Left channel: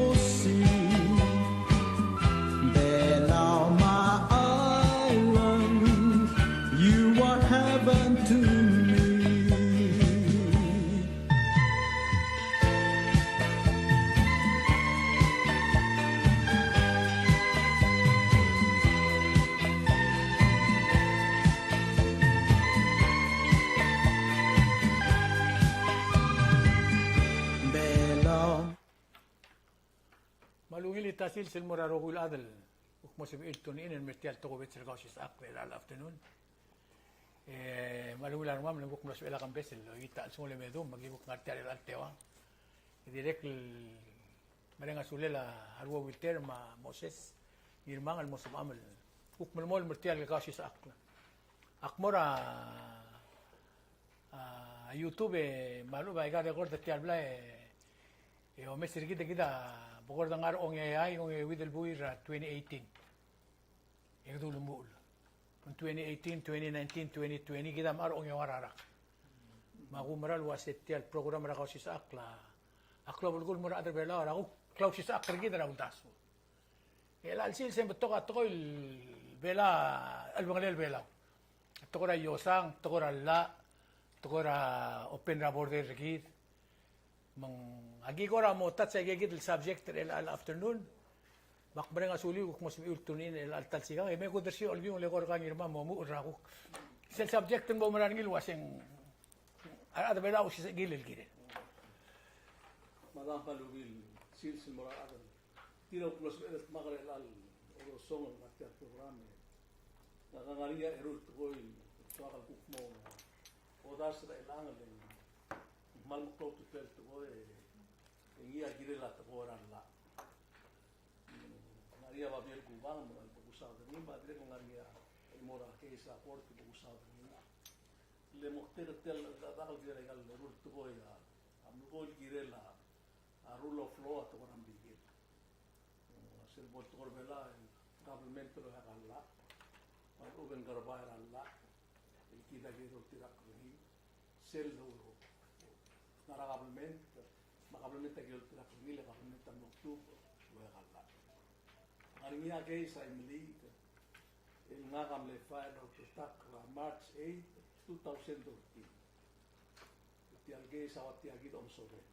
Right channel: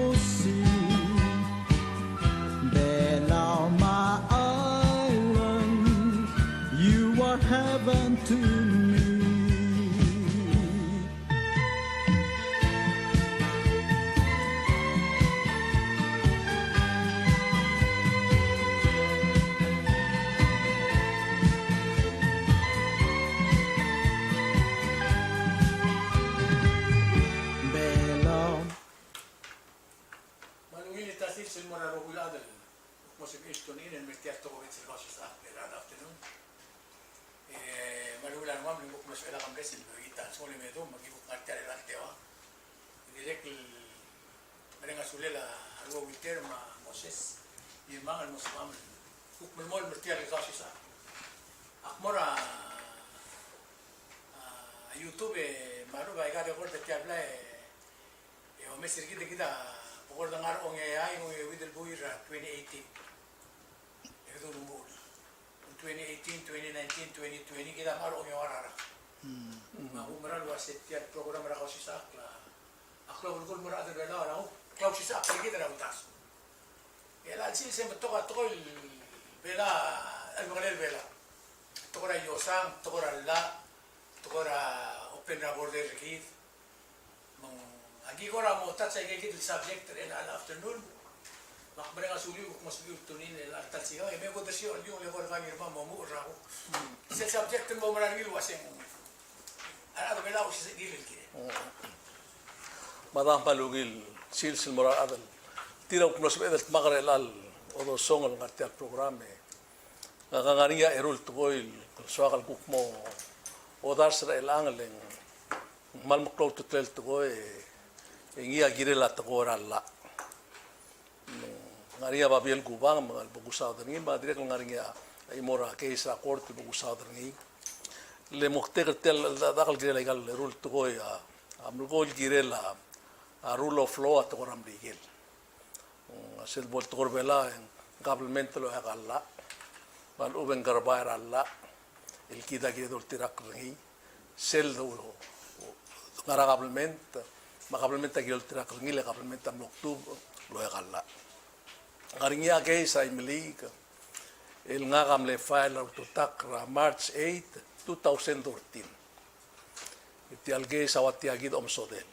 will see. Bella, my island, you are heaven to me. Malugil tasil sil morarogul adal. Mosib iltonin en mestiar togovit sil kausis akber al afternoon. Malugil armam linguk mas ela kambesil. Ita sumole medum magibuk ngartiar el artewa. Direk marenga sulela alwo witer ma Moses. Mirmangan mosib amal. Uk mulmol mestiar el kausis akber. Akmora YouTube malu ba igabe gord te habla o mesir kita pokor dangar ong AI ong widel buir 2018 erdo lumul 2018 2019 2020 kita mar ong warara magumaral wasetial program ra kausis akla bulgul mura adal bela ra kausis akla kita ra utas el alsil se toka toil bela albangal bela tokora yosang tokora la tokora open ra border git mang agi ko ra mo touch ay gigit subject el al afternoon bakbre nga suli uk mas ultunin el altal siga me ko dersi al yung legor kan irma mo mo ra ko sel subject mo maran gil waseng ara do bela usi gil gil madam palugil silsil moral adal tira uk nos bedet magre al odo songal ngarte al programa ngangania erul tugoil soagal kuk mo odar sra el angleng mal mo klot tel tugoy ingia girela tagora la ngaria babiel kubang mga bugusao dani ba direk ngaria imora keisa korte bugusao dani le mukte tel dakal girela gal rul tugoy amul gol girela a rule of law tagora mrigel sel bol tagor bela gablemento lo agalla ban uben garbair alla el kida giredor tirak ngi sel do ngaragablemento makablement agil tira kringil kablement am Oktubre lo yagalla ngaringia ke sa imlik el ngagam le file to takra March 8 2013 iti alge sa wati agid om sodel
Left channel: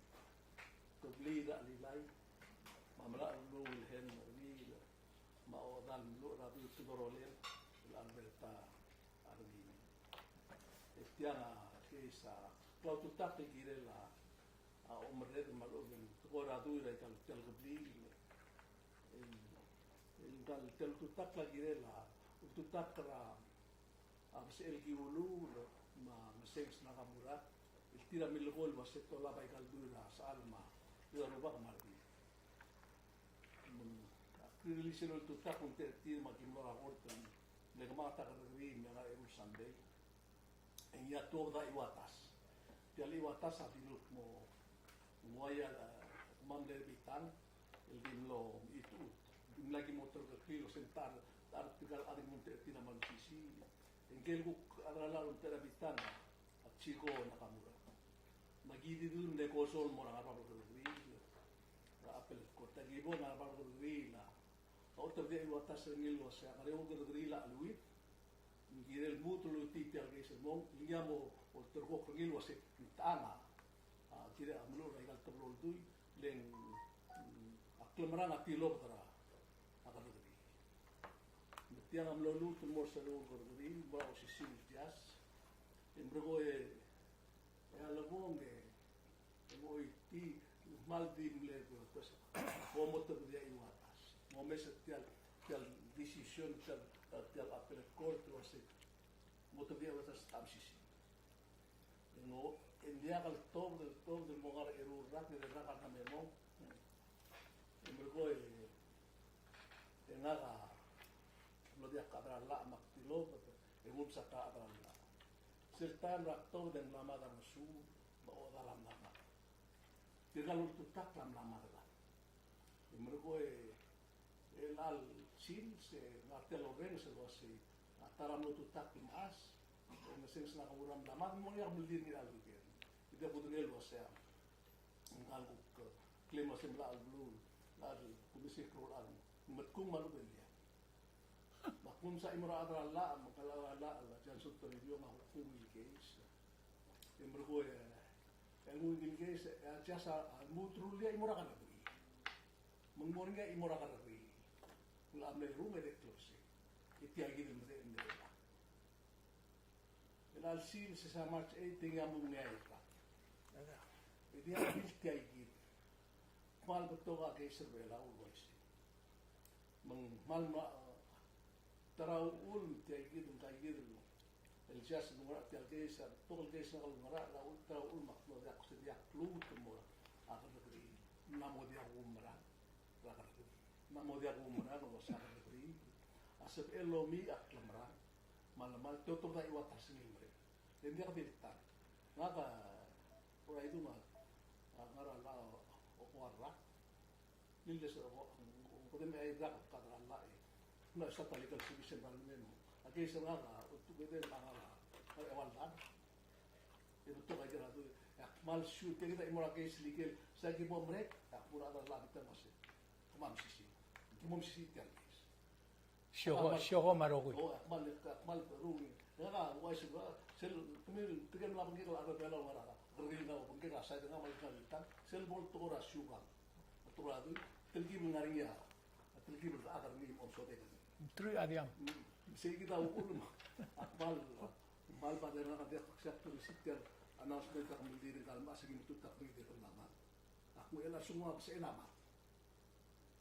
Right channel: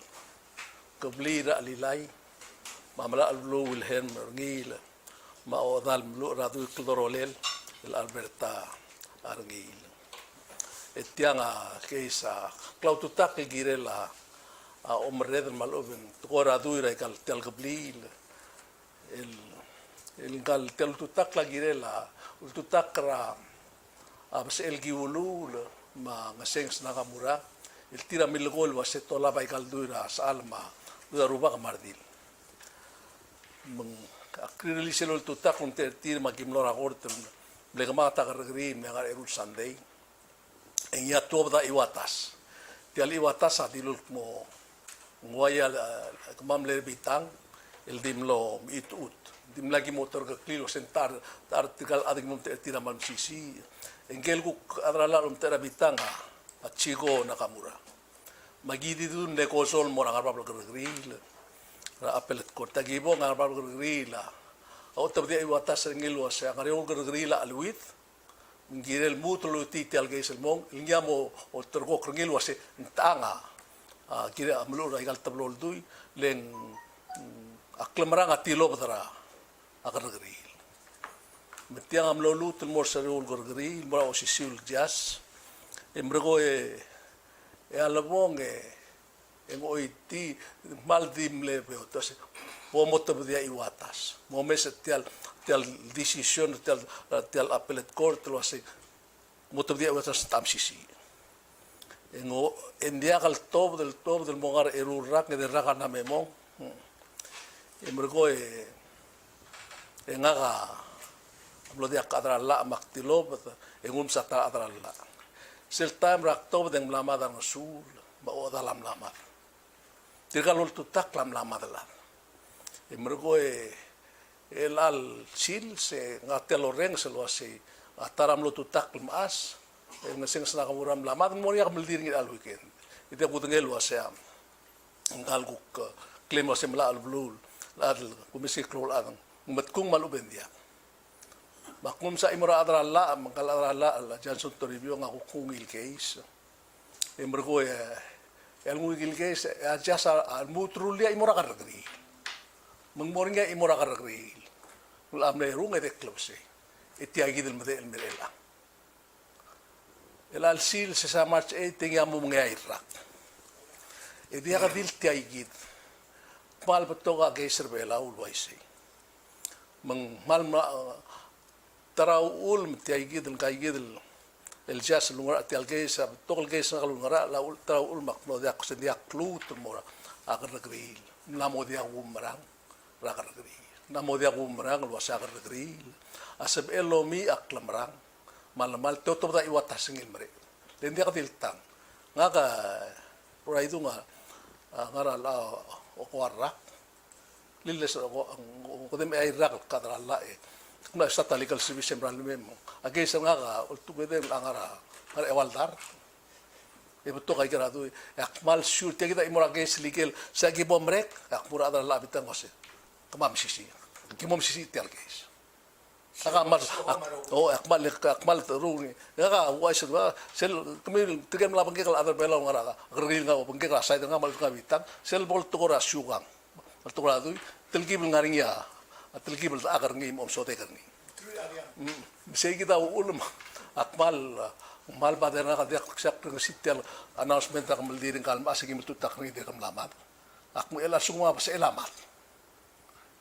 kublira alilay mamala allo wilhelm ngil ma odal mlu radu klorolel el Alberta arngil etianga ke sa klaututak girela omred maloben tokora duira kal tel gablil el gal tel tutak la girela tutakra abs el giulul ma ngaseng nakamura el tira milgol wa setola bay kal duira salma duira ruba kamardil meng akrili selol tutak un tir magimlora gortem blegmata gargri me gar erul sunday en ya tobda iwatas tial iwatas adilul mo nguaya mamle bitang el dimlo itut dim lagi motor ke klilo sentar artikel adik mum tira man sisi engel ku adrala um tera bitanga achigo nakamura magidi dun de kosol mora ngarpa gril ra apelet korta gibo ngarpa grila o tabdi iwatas engel was ngariol grila alwit ngirel mutlo titi algeisel mong ingamo o tergo ngel was tanga kira amlo ra igal tablol dui len aklamrang atilo badara agargril metiang amlo lut mor sarul gargril mora osisul jas embrego alabong oiti maldim le beotas pomoto dia iwatas momes tial decision tial appellate court lo ase moto dia iwatas tamsisi en dia kal top del mongar erurak de raga na memong embrego engaga lo dia kadra la maktilo engum sata adra la sel time rak top den lamada no sul ba o dalam lamar tirgalol tutak lam lamadala embrego el al sil se ngatelo reng se lo ase ataram lo tutak mas ngasing sa nakamuram lamad mo niya kamaldir ngil al weekend ite putengel wasam ngalguk claim wasem la al blue Ladal kumisiklo lang matkung maluben dia. Makum sa imura adralla mangkal adralla Johnson to review nga kungil case. Imbergo el ngugil case adjust al mutrulia imura karagri. Mangmoringa imura karagri. Ulam na runga de klose. Itiagi del mede el mirela. El alsil sa March 8 tinga mo mga Iraq. Dia ka dil tiagid. Mal beto ka geyser bela ulwaisi. Mal tarau ul tiagid el kaigid el jas lungar tial geysa beto el geysa lungar la ul tarau ul makno dia ko sendia klut mora agar regril. Namo dia gumrang ragar regril. Namo dia gumrang lo sa agar regril. Asab elomi aklamrang. Mal toto da iwata singil mere. Den dia ka tiltang. Nga ka ora itu nga ngara la o kuarra liles o dem ay rak kadra la na sa legal service sembral memo age sa nga ultu bede ngara ngara ewaldar e beto kay grado akmal sure te kita imora age legal sa gibomrek akmura adra la bitan wase kamam sisi kimom sisi tel guys akmal akmal terung nga wais ba sel kami tigam la bangke kala adar bela ngara gril nga bangke kala sai nga mal ka bitan sel bol to ra syugang to ra du telgibel ngaringia telgibel agar ngim om sote karni sei kita ulum akmal mal bader nga dia sak ng sitel announcement ka maldiring kalma sige mututak ni de kam lamat akmo ela sungwa pa sa elamat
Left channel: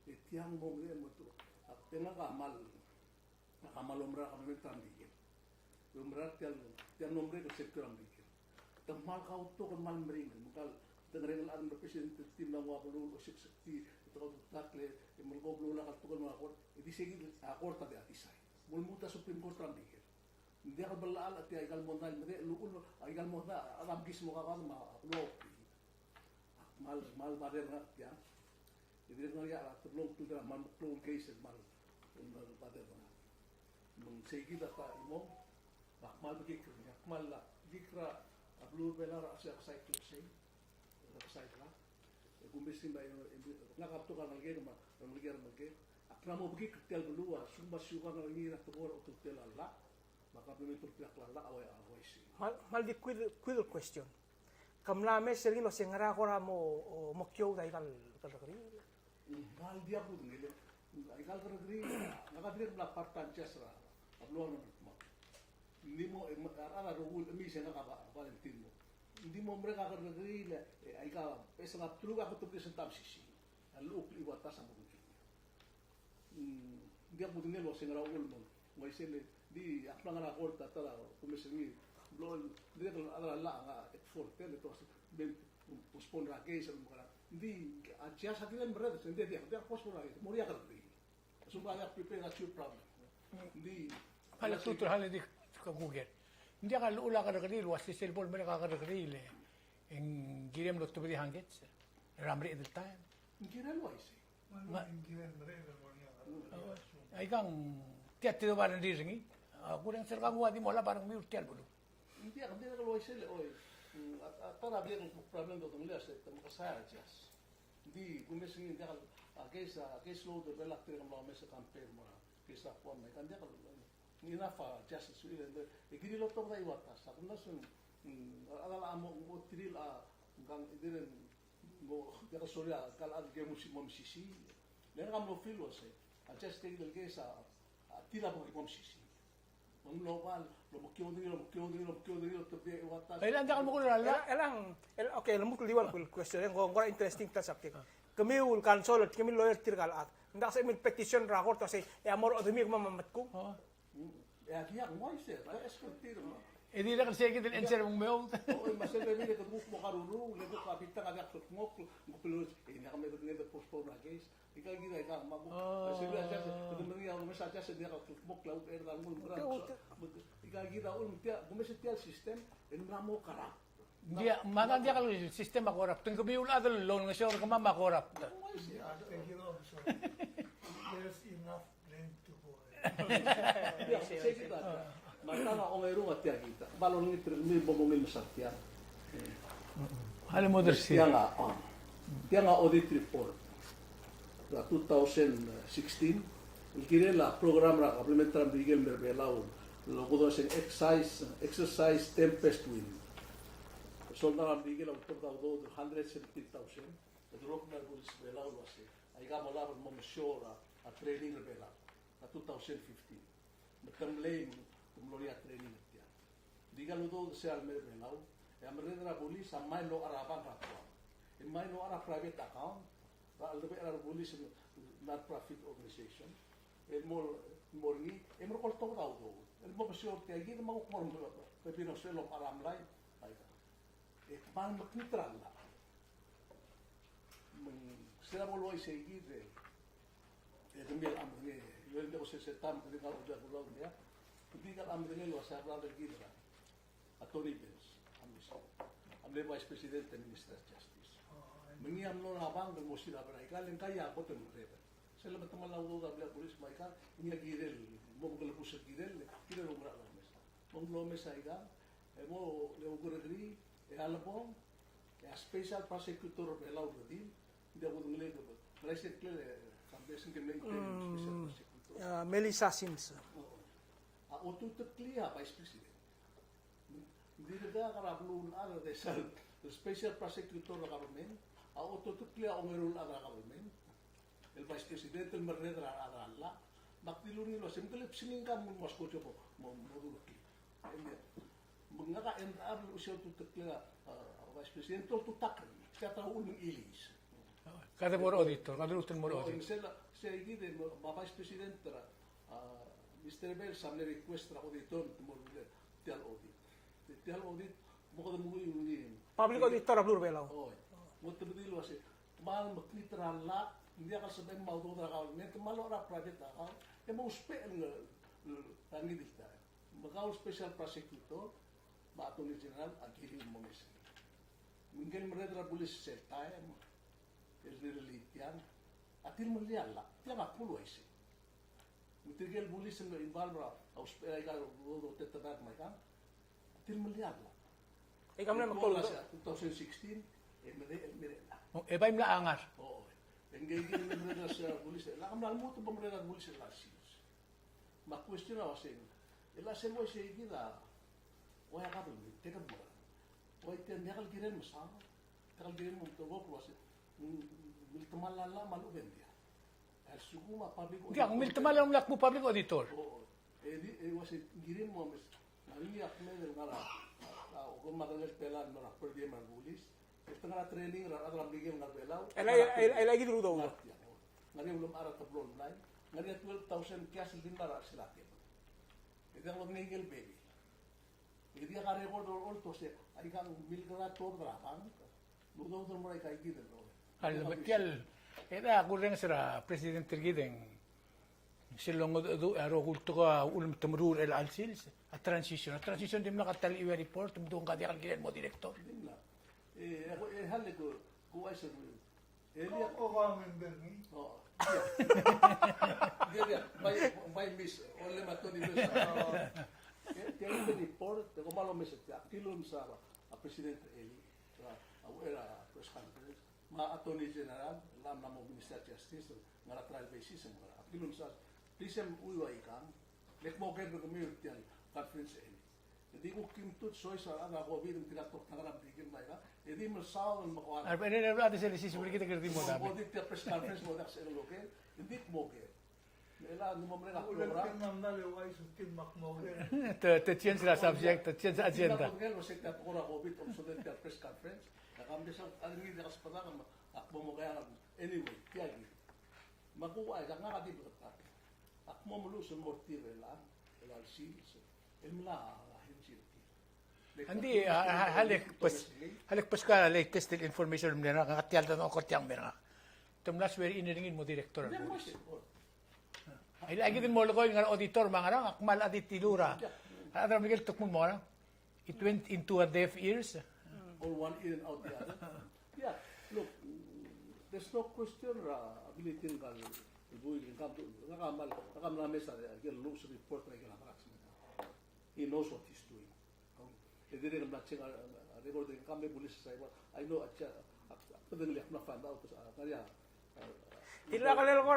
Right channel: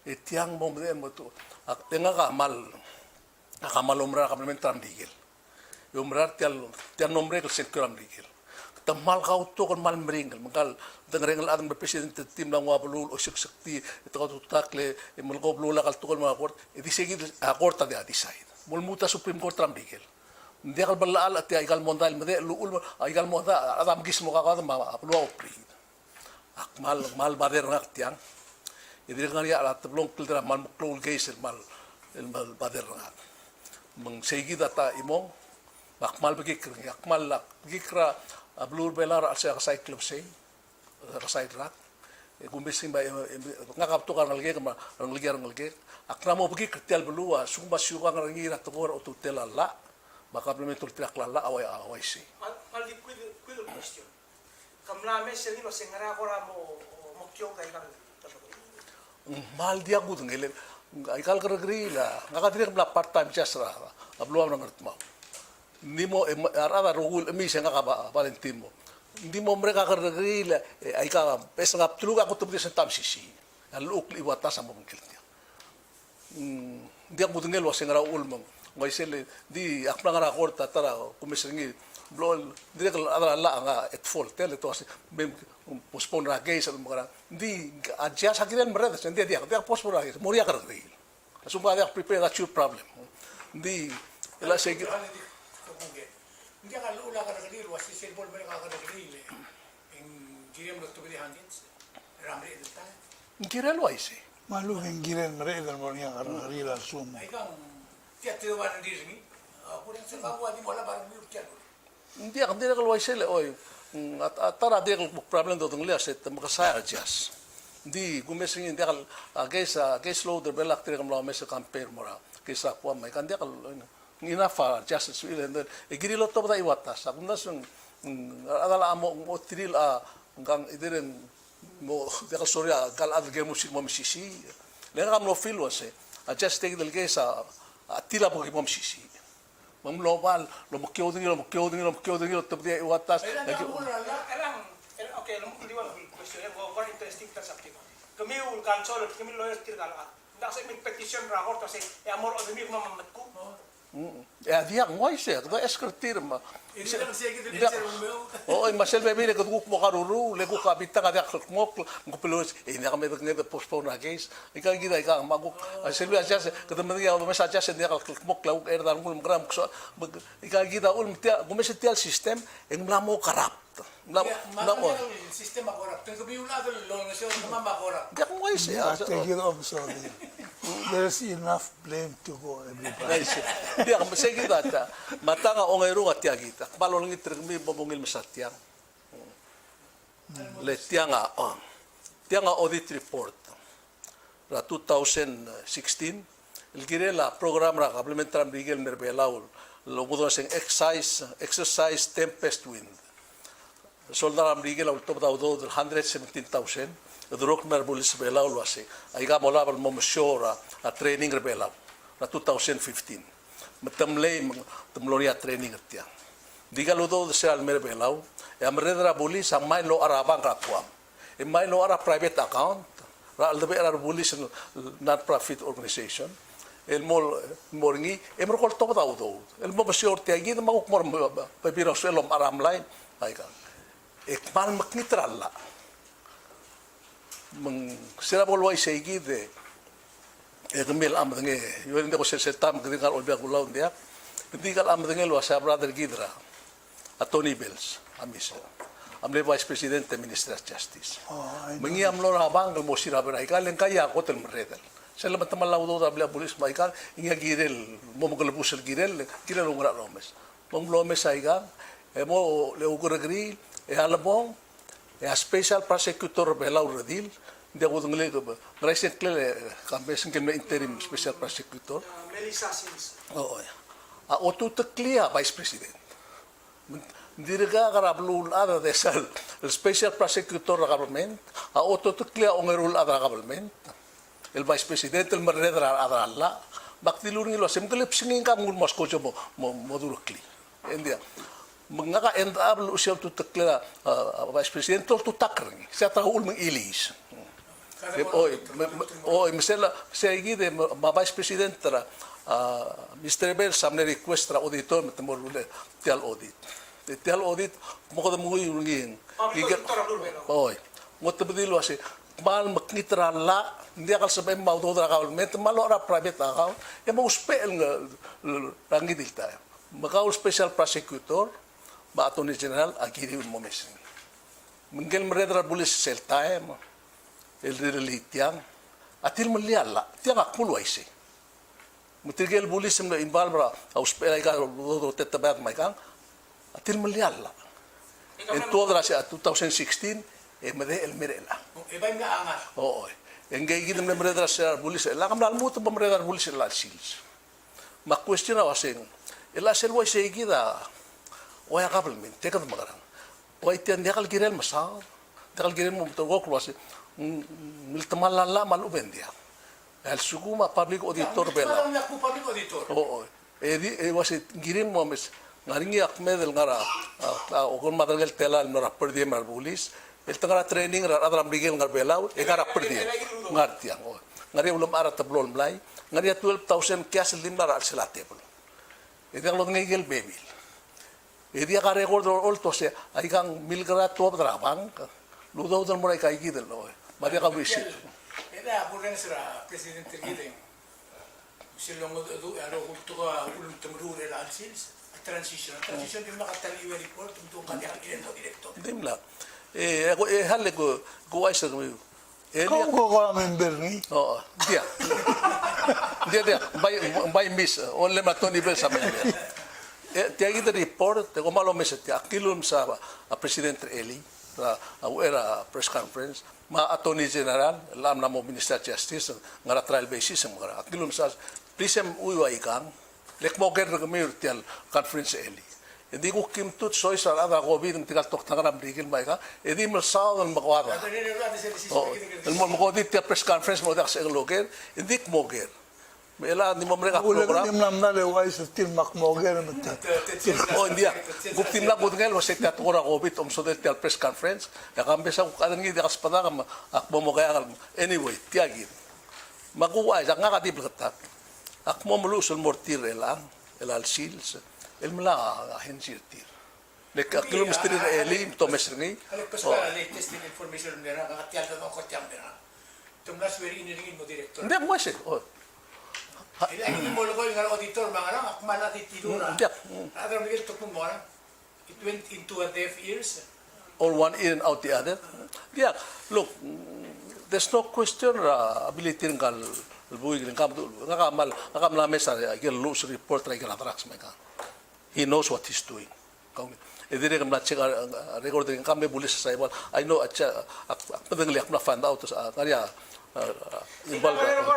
etiang mo mo to ak tenga ka mal akamalumra kaplementar digel umrar tial nombre ke sekram digel tamal kau to kon mal meringal mangkal dengrengel adang presidente tim lang wa bulul o sakti ito ka tutakle mulko blula kal to kon mga court edi segi court dia decide mulmuta supreme court ram digel ndi kal balal at igal mondal mede luul igal monda adam gismo ka ka ma aplo opri akmal mal bader ngak tiang edi ngari ala tablong kiltra mal muklul geisel mal el mal bader ngak meng segi data imong akmal begikr akmal lak gikra blur belar asa sai club sei sai rak gumbesing ba ngakap to kan ngalge kama ngalge akra mo begikr tial belua sumba syuga ngalgi rat to o tutel alla maka implementul tiak lalla awai sei mal di quid question kamlame selino sengara kora mo mokyo dai kan mal dia gud ngelen aikal kergri la ngakatir bla part time jasra abluam nang ngertma ndimo arada rugul mi senga ka valentimo ndimo mereka kergri la aika pesa ngap tuluga ko tubdi sentam sisi aluk li wata sa mungkilnya dia gud ngel wasengara ulmong ngai sele di akna ngara korta tara kumesengi blol direk adra la nga et full tele to bem postpone ra gay sa mga di adja sa kiran mereda sen dia postpone ra moria kergri sumba dia prepare that your problem di la sige hal di ko buget hindi ka ula ka kadil was silbol mereka ka kadil en girem lo tubili hangets ramri edta girel waise Malu yang giren mereka dan orang yang arila sum. ay kang teatro ba ng Disney ako rin sa kamuha di mo la parang mute yan hindi ka waise le oy at tara dia problem do tungli aset makasaya jas di gumesing hindi ka guys loader belak tira kam la mesa campaign mora kesa po may kandi ka ina just suilen igirilo to ba iwatas ako nasung adala amo mo tril ngang idiren mo dia ka sorya kal adge musik mo misisi lenga kam no feel was just take del kesa atila po mo misisi mam global lo mo kyo dingilo to dia iwatas okay lamu kuliwal question yang gua interesting ta sakti ko kami ul kansol kami lawyer tirgal ndak sa min petition rakor kasi e amor odumi mamamatku ya dia ngoi se do eskertir ma hindi lang sige din sa umyo oh masel bebe ko guk mo karuru le ko kabita ka dak mo ko pelos e na kami ngede postpone na case ika gida ika magu selbe aja se kada madiya o mesa aja se dia ka mo klau er dan ko gram so ika gida ul mtia gumesetial system en mlamo karap Mako sistema korap. Tung sabi yung nato lulong siya mga makorap. Dia ngoi se Take it off, sorry. There's enough blame to go everybody. dia ka segi data matanga ongay ru atya kita palon ngit mi bomongil masatiang Alam mo, tianga audit report 2016 el kire la program ra complementar Miguel Merbelaul lo kudo sing exercise tempest wind soldar Miguel au top do 117,000 drok merbulis belaul wase aiga mola bal momshora a training rebelaul na 2015 matamlay tamloria training atya diga lo do se al merbelau e amredra bulis ang may lo arabang kapwa e may lo ara private account ra al debe ara bulis non profit organization el mol morngi e mer kol to do el mo basior te agi ma ko mor pa biro selo aram lai aiga e mal maknitralla mang sira bolwai seigi de Egmil am dengan yo hindi ko tam kedingal olbia kulaw dia kedingal am dengan lo sa brother Gidra Attorney Bills amis am le vice president minister of justice mengi am lo rabang mo sira berai kalen kaya ko tel mredel selamat tamalaw do da pulis maikal inga girel mo mo kalbus girel ungra romes mom lomes aiga mo le ugregri e alabong e a special prosecutor belau redil dia ko ngale ko recently campaign ken interim special prosecutor Melissa Sins. oo a oto clear vice president dirga karablu ada desal special prosecutor government a oto clear ongerul ada government el vice president el merredra ada alla baktilur ngilo semkelip singing ka mul mosko mo durukli india mengaka end up usia tu clear vice president tu takrang sa taul meng ilis mesela segi de vice president tra Mr. Bell samne request tra auditor metemor tel audit mo ko mo yung Public auditor blur bela. oy mo tabdilo asi mal maknitra la hindi akal sabay maudo tra government malo ra private account e mo spell nga rangi dilta makaw special prosecutor ba attorney general agiri mo mes mengel meredra bulis sel time el relitiang atil meliala tiang akulu aise mutigel bulis na invalbra aus pelai ka do tetabat mai kang atil meliala en toda la 2016 e mede el merela E ba nga angas? oo engay gidem na meredra sa bulis la kam nalmo to meredra bulis la sils ma question waseng ela sel wa segida o ya government te ka magarang o itian dekal girel masal dekal girel mo to go klose miltamalala malubendia el suguma public auditor bela Malang yak mo public auditor. oo was girim mo mes ngaringi akmed el ngara o kon madragel telal no rapper di marbulis el tangara training ra adram rigel ngar belau e ngara perdi ngartiang ngari ulum ara tablol mlai ngari 12,000 cash limbar al selate bol e dang lo ngegel bebil e dia ka record all to se ai kang milgra top drabang ludo dal moray kai gidel no Maria ka wish Era ako rin sa President Gideng. Silong aro kulto ka ulum tumrul el alsils a transition din makatali i report tumdong kanya ang ginento director. dimla ako halle ko ay sa Kung ko member ni, oh dia by miss only matoni bel sa dia kita report te ko malo meset akilum sa president Eli era press conference ma attorney general lam na mo minister justice ngara trial basis ngara akilum sa prisem uwa ikang lek mo ger gamir tial conference Eli hindi ko kimtut soy sa ada covid ng tigal tok tangara brigil mai ka edi mo sa ang makwada el mo ko dit press conference mo dak sa loger hindi mo ger Mela di mo mereka ulang program. ni namna le wai sa til makmoger mata. Oh dia. Bukti na budngel was sekta tora COVID so del press conference. Ya kambe sa kadan gi dekas pada kam akmo mo kaya anyway tiagi. Makuha sa nga katib katak. Akmo mulusul mortir elang el alsils el mala ahensi tir. Lek aklo mistri elim to mesngi. Alek pas ka latest information nila ngatial na ko tiyang mera. Tumnas very iniringin mo director. Hindi mo siya. Ilangin mo lugoy ng auditor mga lang akmal at itidura. Adam Miguel tuk mo mga it went into a deaf ears. Or one in and out the other. Yeah, look, there's no question ability ng buhay ng ngakamal mesa yung loose report na ikanatarax may ka. He knows what he's doing. Hindi rin kami na-check recording kami bulis sa ibon. I know at padangli ako na find out sa kanya Sila kanino ko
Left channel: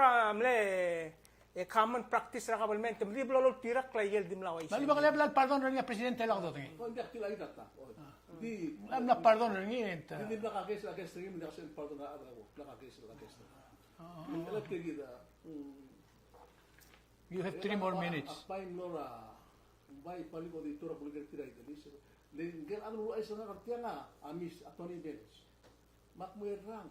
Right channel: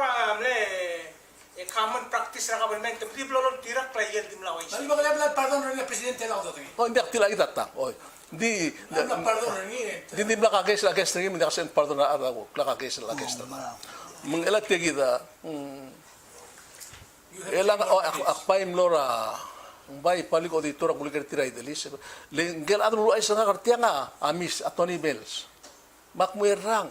common practice ra government. Di lolo tirak la yel dim laway. Mali ba kaya pala pardon ng presidente lang to? Oh, hindi akti lagi tatang. Oh, hindi Ano pardon ng hindi nakakes la kes hindi kasi pardon na ako. Nakakes la kes na. Mengelat kita elang akpaim lora bay paliko auditor ang bulikar tiray delis. Lenggel adro ay sa kartiya nga amis at Tony Bells. Makmuirang.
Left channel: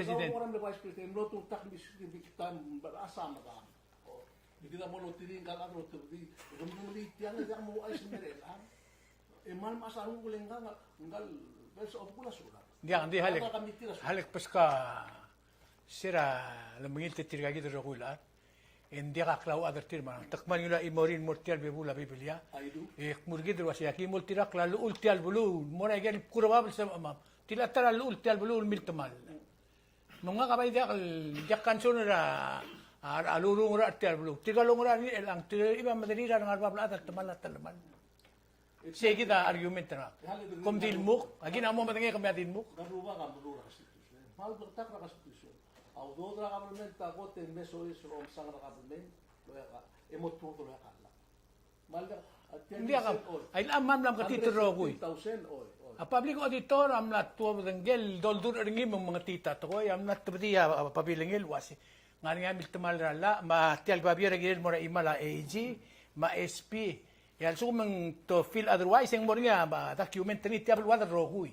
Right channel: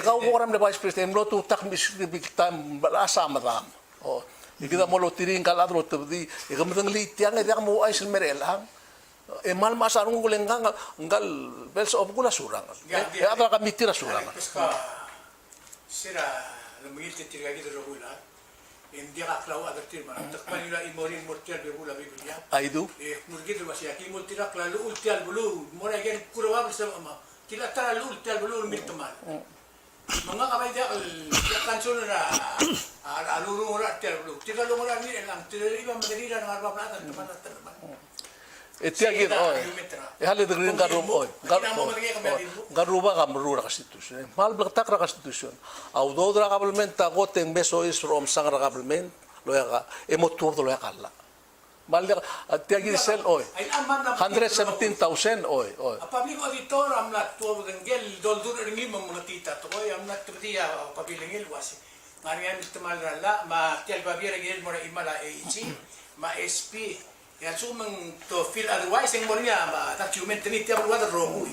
Ikaw mo karam na vice president lo tutak mis bikitam balasa madam. Oh, ikita mo lo tiring kaladro tebdi ikam tang litiang ida mo ay silmerelang. Mal masarong gulengang ngal Bells of gula surang. Ya ata kami tira surang. Pues ka sira lamingil titiriga gitu rogula. Hindi ka klaw agatir man. Takman nila imorin mortial bibula bibilya. Aidu. Murgi do wasi aki multira klalu ultial bulu. Mora gen kuraba sa ama. Tila tara lu ultial bulu miltuman. Mga kamay dia kan sonora alulu mura ultial bulu. Tiga lu mura ni lang tira iba madira ng arba plata teman teman. Etia gitu. Hal itu green garubo. Garuba kamrura konstitusi. Mal bertak ra konstitusi. Au dodra government tago teng beso is from sangra government lo ya emo tur lo ya kala. Mal etia gitu sel oi. 117,000 oi. A public auditor am na tuwa gel doldur ringi mga tita to am na tubdiya pabilingil wasi. Ngani am istimal rala ma tial babira gel mora imala AG ma SP. Yan sumang to feel otherwise ang moria ma documentary tiap lugar rogui.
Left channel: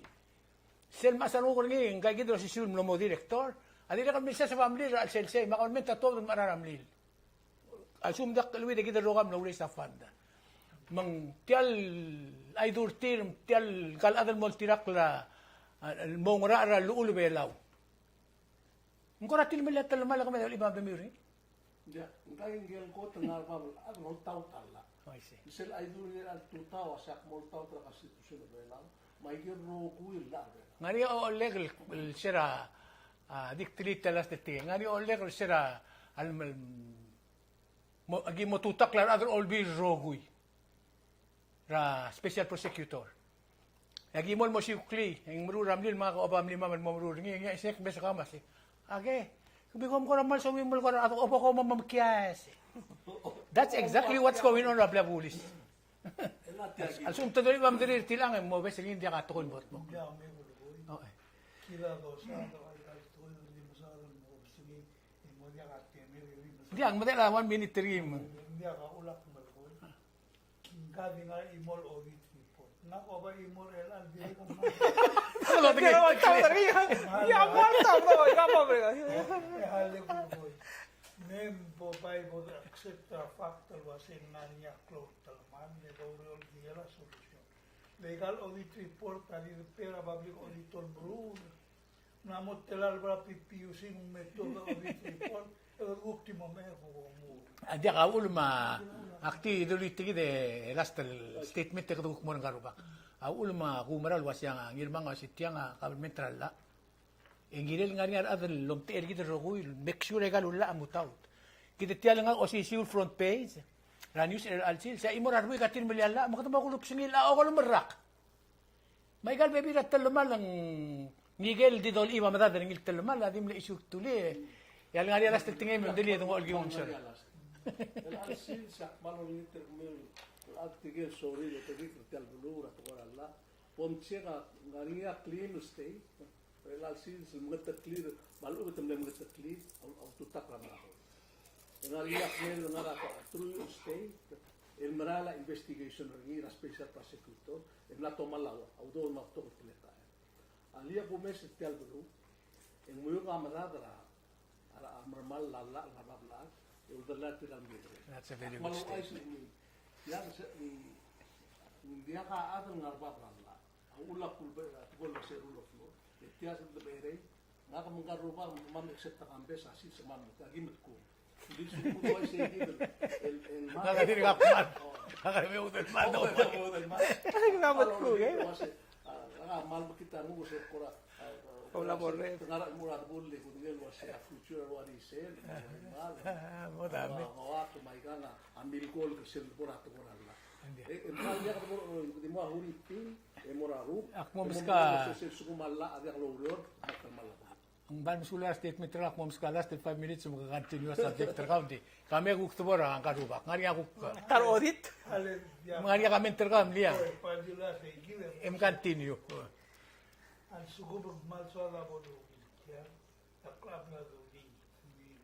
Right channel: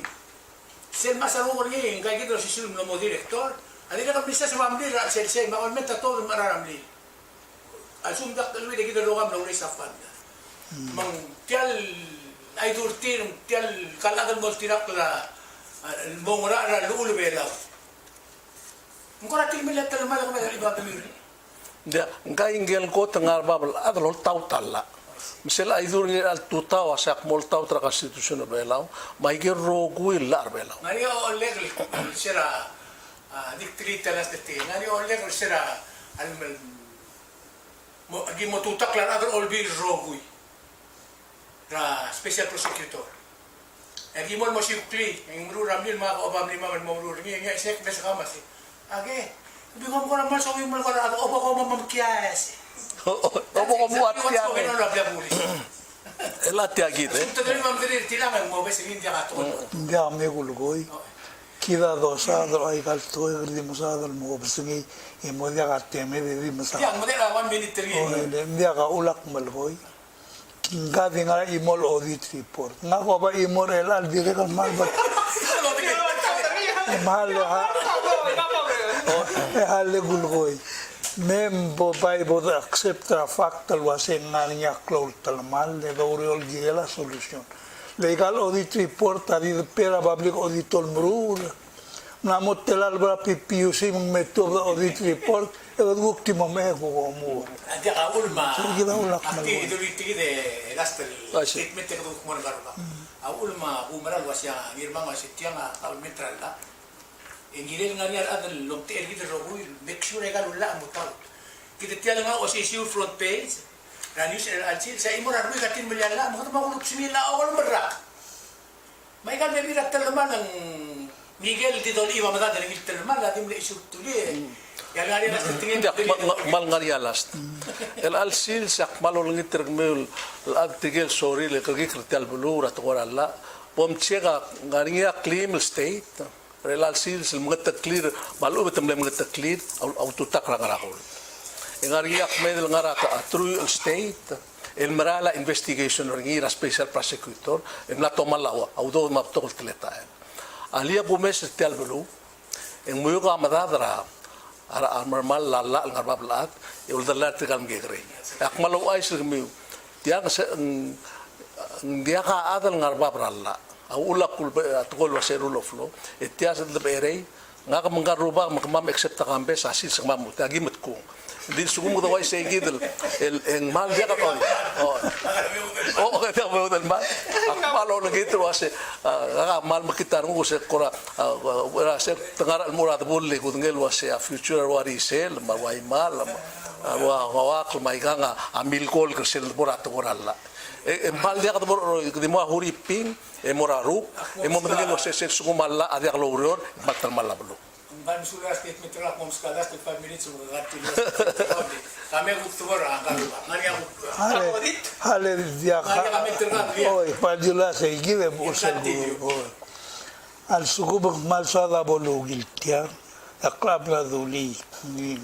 Ser masarong moria kay gito si sulm mo director. Ali na kami sa family ra sel sel ma on meta to mararamli. Asum dak dalwi de gito lugam na uri sa fund. Mang tial ay durtir tial kalagan mo tirak la mongora ra luul belaw. Mungkora tilmilat talaman ako nagalibagamir. Dia ngai ngel ko tengar babal adlo tau talla. Misela idur ni al tuta wa sak mol tau tra konstitusi belaw, mai ger rogui lar belaw. Maria Oleg sira dikrita las de ti. Maria Oleg sira al mo agi mo tutak lan adro olbi rogui. Ra special prosecutor. Agi mo si Ukli, yung muru ramil mga kaobam lima man mo muru ngi ngi sek bes kamas. Age, bigom ko naman so yung mal ko ato opo ko mamamkias. That's exactly what's going on up there, Bully. Ela tia gitu. Tadri mam tadri tilangan mo bes hindi ka to. Hindi kami gulgoy. Kida dosa do ay kalto di musada mo besingi mo dia ka teme di musada. Yang mo na 1 minute tiri. Hindi ka ulak malgoy. Kinga dinga imol audit report. Nga ko ba imol elal dire kan mal ba. Mal hale gulgoy. Membo bai bod accepta factal waseng ngania close talmal de doriol gela solution. Legal audit report ari pera public auditor mrul. Namot telal bra PPUC mong metodo audit report e ultimo me ko mo. Adi ka ulma. Kita ulak Akti duliti de gastel statement ke duk mo garba. A ulma bumeral wasya girma wasitya nga kalmetral la. Ingilil nga niya adal long tier kita rogo make sure ka lula ang mutaw. Kita tiyan nga o si front page. Na news alcil sa imo ra ka tin malyala mga tumagulog sinila o wala mara. May ka bebi ra talaman ang Miguel di Doliva mata daling talaman la dim le isu tuli. Yan nga niya sa tingin Tidak mal ngaria last. El alsil sak malolong termel al tigel sorry le kagi krital bulu rat la. Pom chega ngaria claim state. Relal sil mga clear malu betam le mga clear autotak ra karakol. Ngariak medel ngaraka true state el marala investigation ngira special prosecutor en la toma lawa audo maptol tleta. Alia bumes tel bulu en muyuga madadra ara normal lalla ngarbablat e uldalat kal ngegre. Akmalu ay sirmi dia ka adal ngarbabralla. Ulak tukol waserul oflo etias de berei ngaka mengaruba makmam except kambe sasil samamu tagi metku di sugu mo dawai say gidel el mal dia ka ka mo dal mal akmalo lagi tu wase ngaka mal makitar ngo se kora se tengara murad bulle kudngel wase future wari sel mawai mal wa mai ganga amil kol kesel borat koralla mal dia ka di mo huriping moraru mo mengel wase se sugu malla adia lorior bakal malla bulu Bansula statement ra kung ska last 5 minutes mo kagati kami gutubor ang kaluwa. Ngani ako. Audit. Hale dia Ngani kami terang dia. oi padula se give bosa al sugubak mal sada bolugil tia a club la duli ni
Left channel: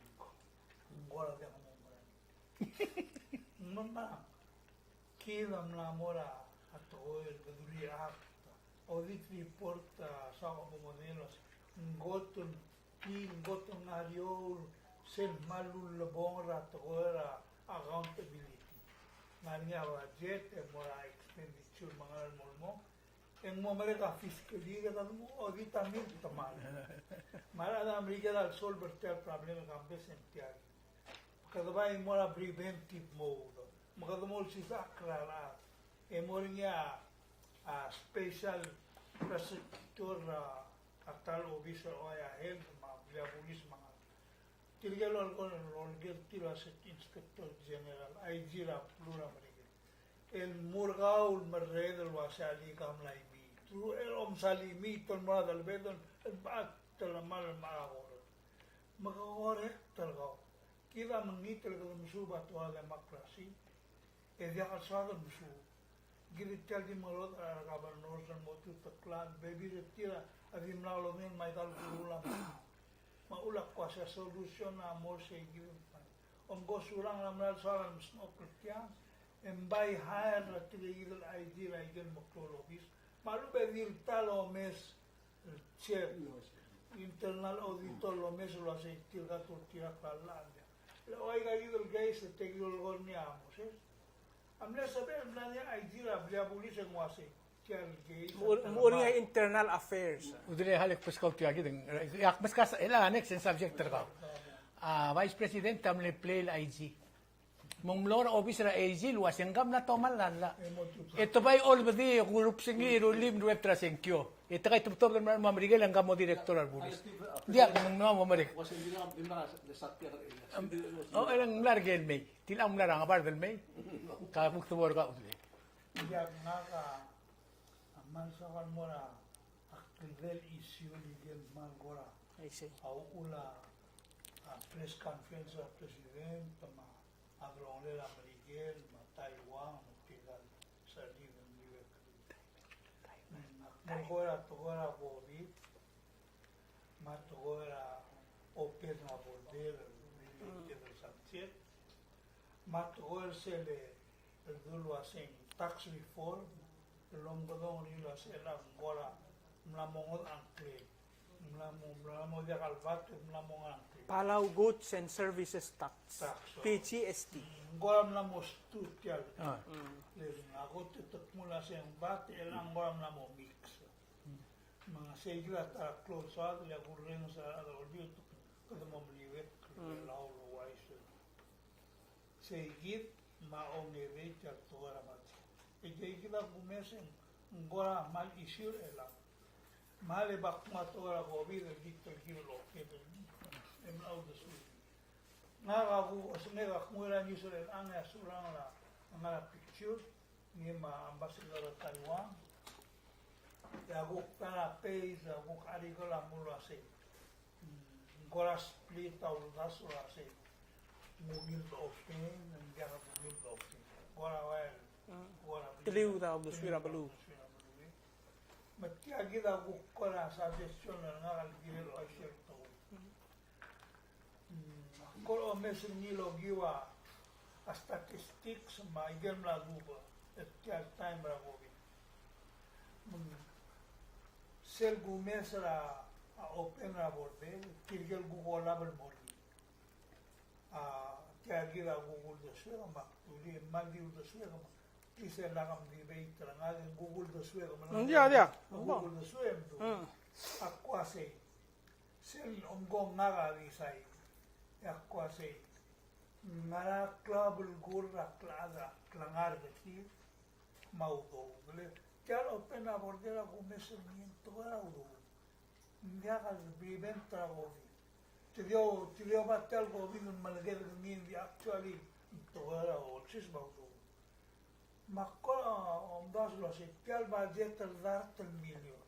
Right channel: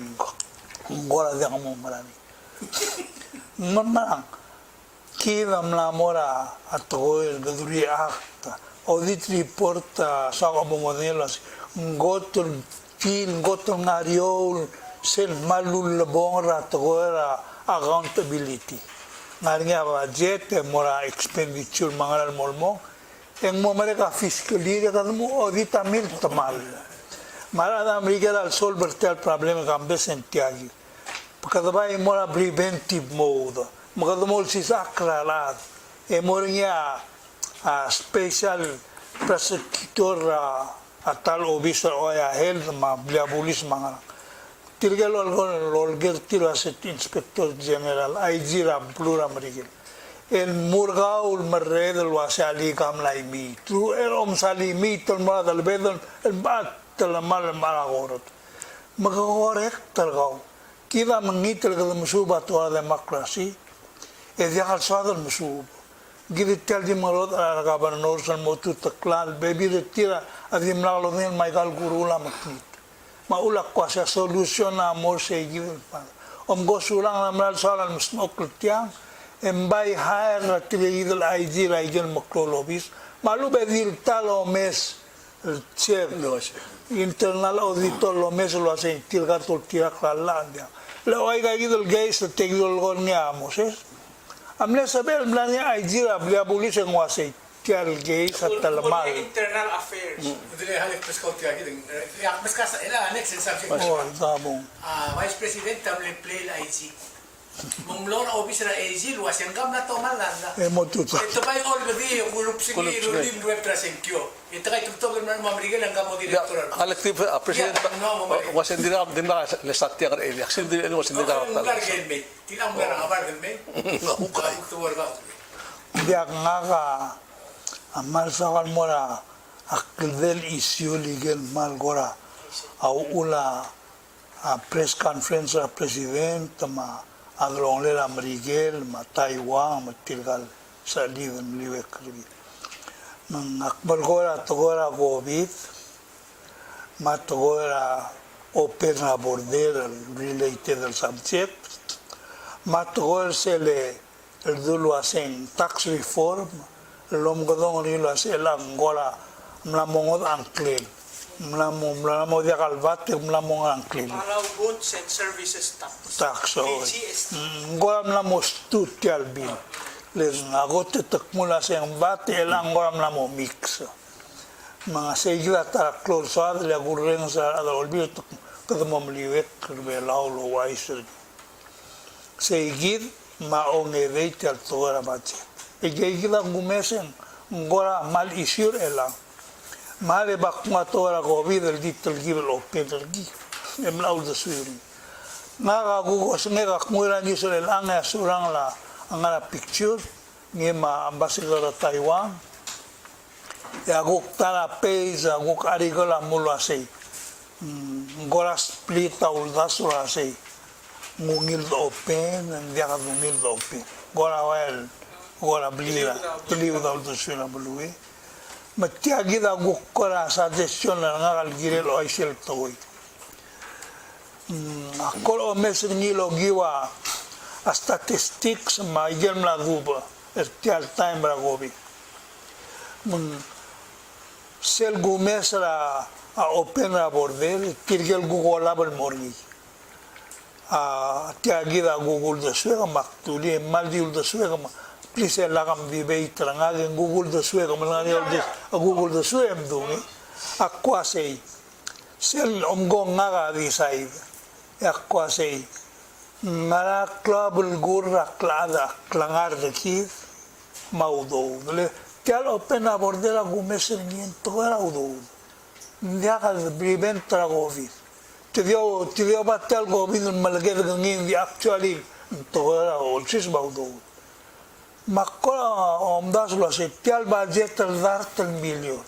ngora dia mo marami mamang kila mlamora atoil gaduri akta audit report sa mo modelos gotol fil gotol ngariol sen malul bongra toera accountability ngaringa budget mora expenditure mangaral molmo en mo mereka fiscal year kan mo audit amil tamal mara amerika al solver tel problem gambe sentiagi pakadabay mora preventive mode makadumol si sakralat e moringa special prosecutor atal officer o ya health ma blia pulis mga tirgal olger tiro aset inspector general IG ram plura marigil en murgaul marredel wasali kam laimi tu erom salimi tol ma dal bedon el bat tel mal maragorot magkorek talgaw kita mengitel ke musuba to demokrasi e dia hal sadal musub gidi tel di marot ala kaban norsan motu taklal baby retira adim lalo nen Michael Gurula maknit maulak ko sa solution na mo se gidi pa gosulang namral sadal musnok tiang embay hire na tiligil IG region maklolobis malu bedil talo mes chef internal auditor lo mes lo hace tilga tol tira klalandia lo oiga gidel guys te gidel gon nya moses amle saber blania IG ra blia bulis en wase tial guys at talamal Internal affairs. Udile halik peskaw tiya gideng. Yak peskas ila next subject. oh sabong Vice President tamle play IG. Mumlora officer IG luas yang kam na tomalan na. motuta Ito ba yung already kulup sige lim web trasenkyo. Ito kay tuktok na mamrigal ang kamo direktor. Collective president wasin dira din ba lesat yang ele action din wasin dira Ang lugar gelme. Tilang mo na ngabar gelme. Ukay tuwar ka. dia ngaga amal sakal mora akildel issue legal mal gora au ula a press conference a president ma adrong le Amerigel ma Taiwan ma tilgal sa liwen liwe kribi nang akbar gora togora covid ma togora open a border related al subject ma togora se le el dulu asen tax reform lom godong rilo ase lang gora mlamongod angklin mlamo dia kalvate mlamong angklin Allow goods and services tax. tax GST. gora mlamo stutial bin le ngagote takmula se bate elang gora mlamo mix mga segla ta close ad le gurren sa adolbi kada momliwet kurbe laulo waiser segid maonge veitel tora bache egegila ngumesen ngora mal isir ela male bakma tora covid el ditel gibel open gi emlaul de suiri naga gugo snega kmuira ni sore langa surang la angara picture ngema ambassador Taiwan ya guk tara page guk arigola mulase ngora split aul dasura sei ngungil open and dia ngungil open gora well gora blira believe da ulto suna bulue matia gida gukora suggestion na ngal girel oisel toy akol o mes ngilo giwa a statistics ma igem la guba tial time ra gobi sel gumesra a open ra bordel tirgel gugola bel morgi tiagida Google de suega maktuli maldiul de suega please la gam vive trangage Google de suega malani Google de suega mdungi akwa sei sel omgong ngaga di sai akwa sei ngara klabul gurra klada klangar de ki maudo le tial open a bordela gumes ni to era udo ndia ka prevent tragovi te dio batal gobin malaged ngin di actually to o sis baudo makko omdas lo se tial budget al 20 million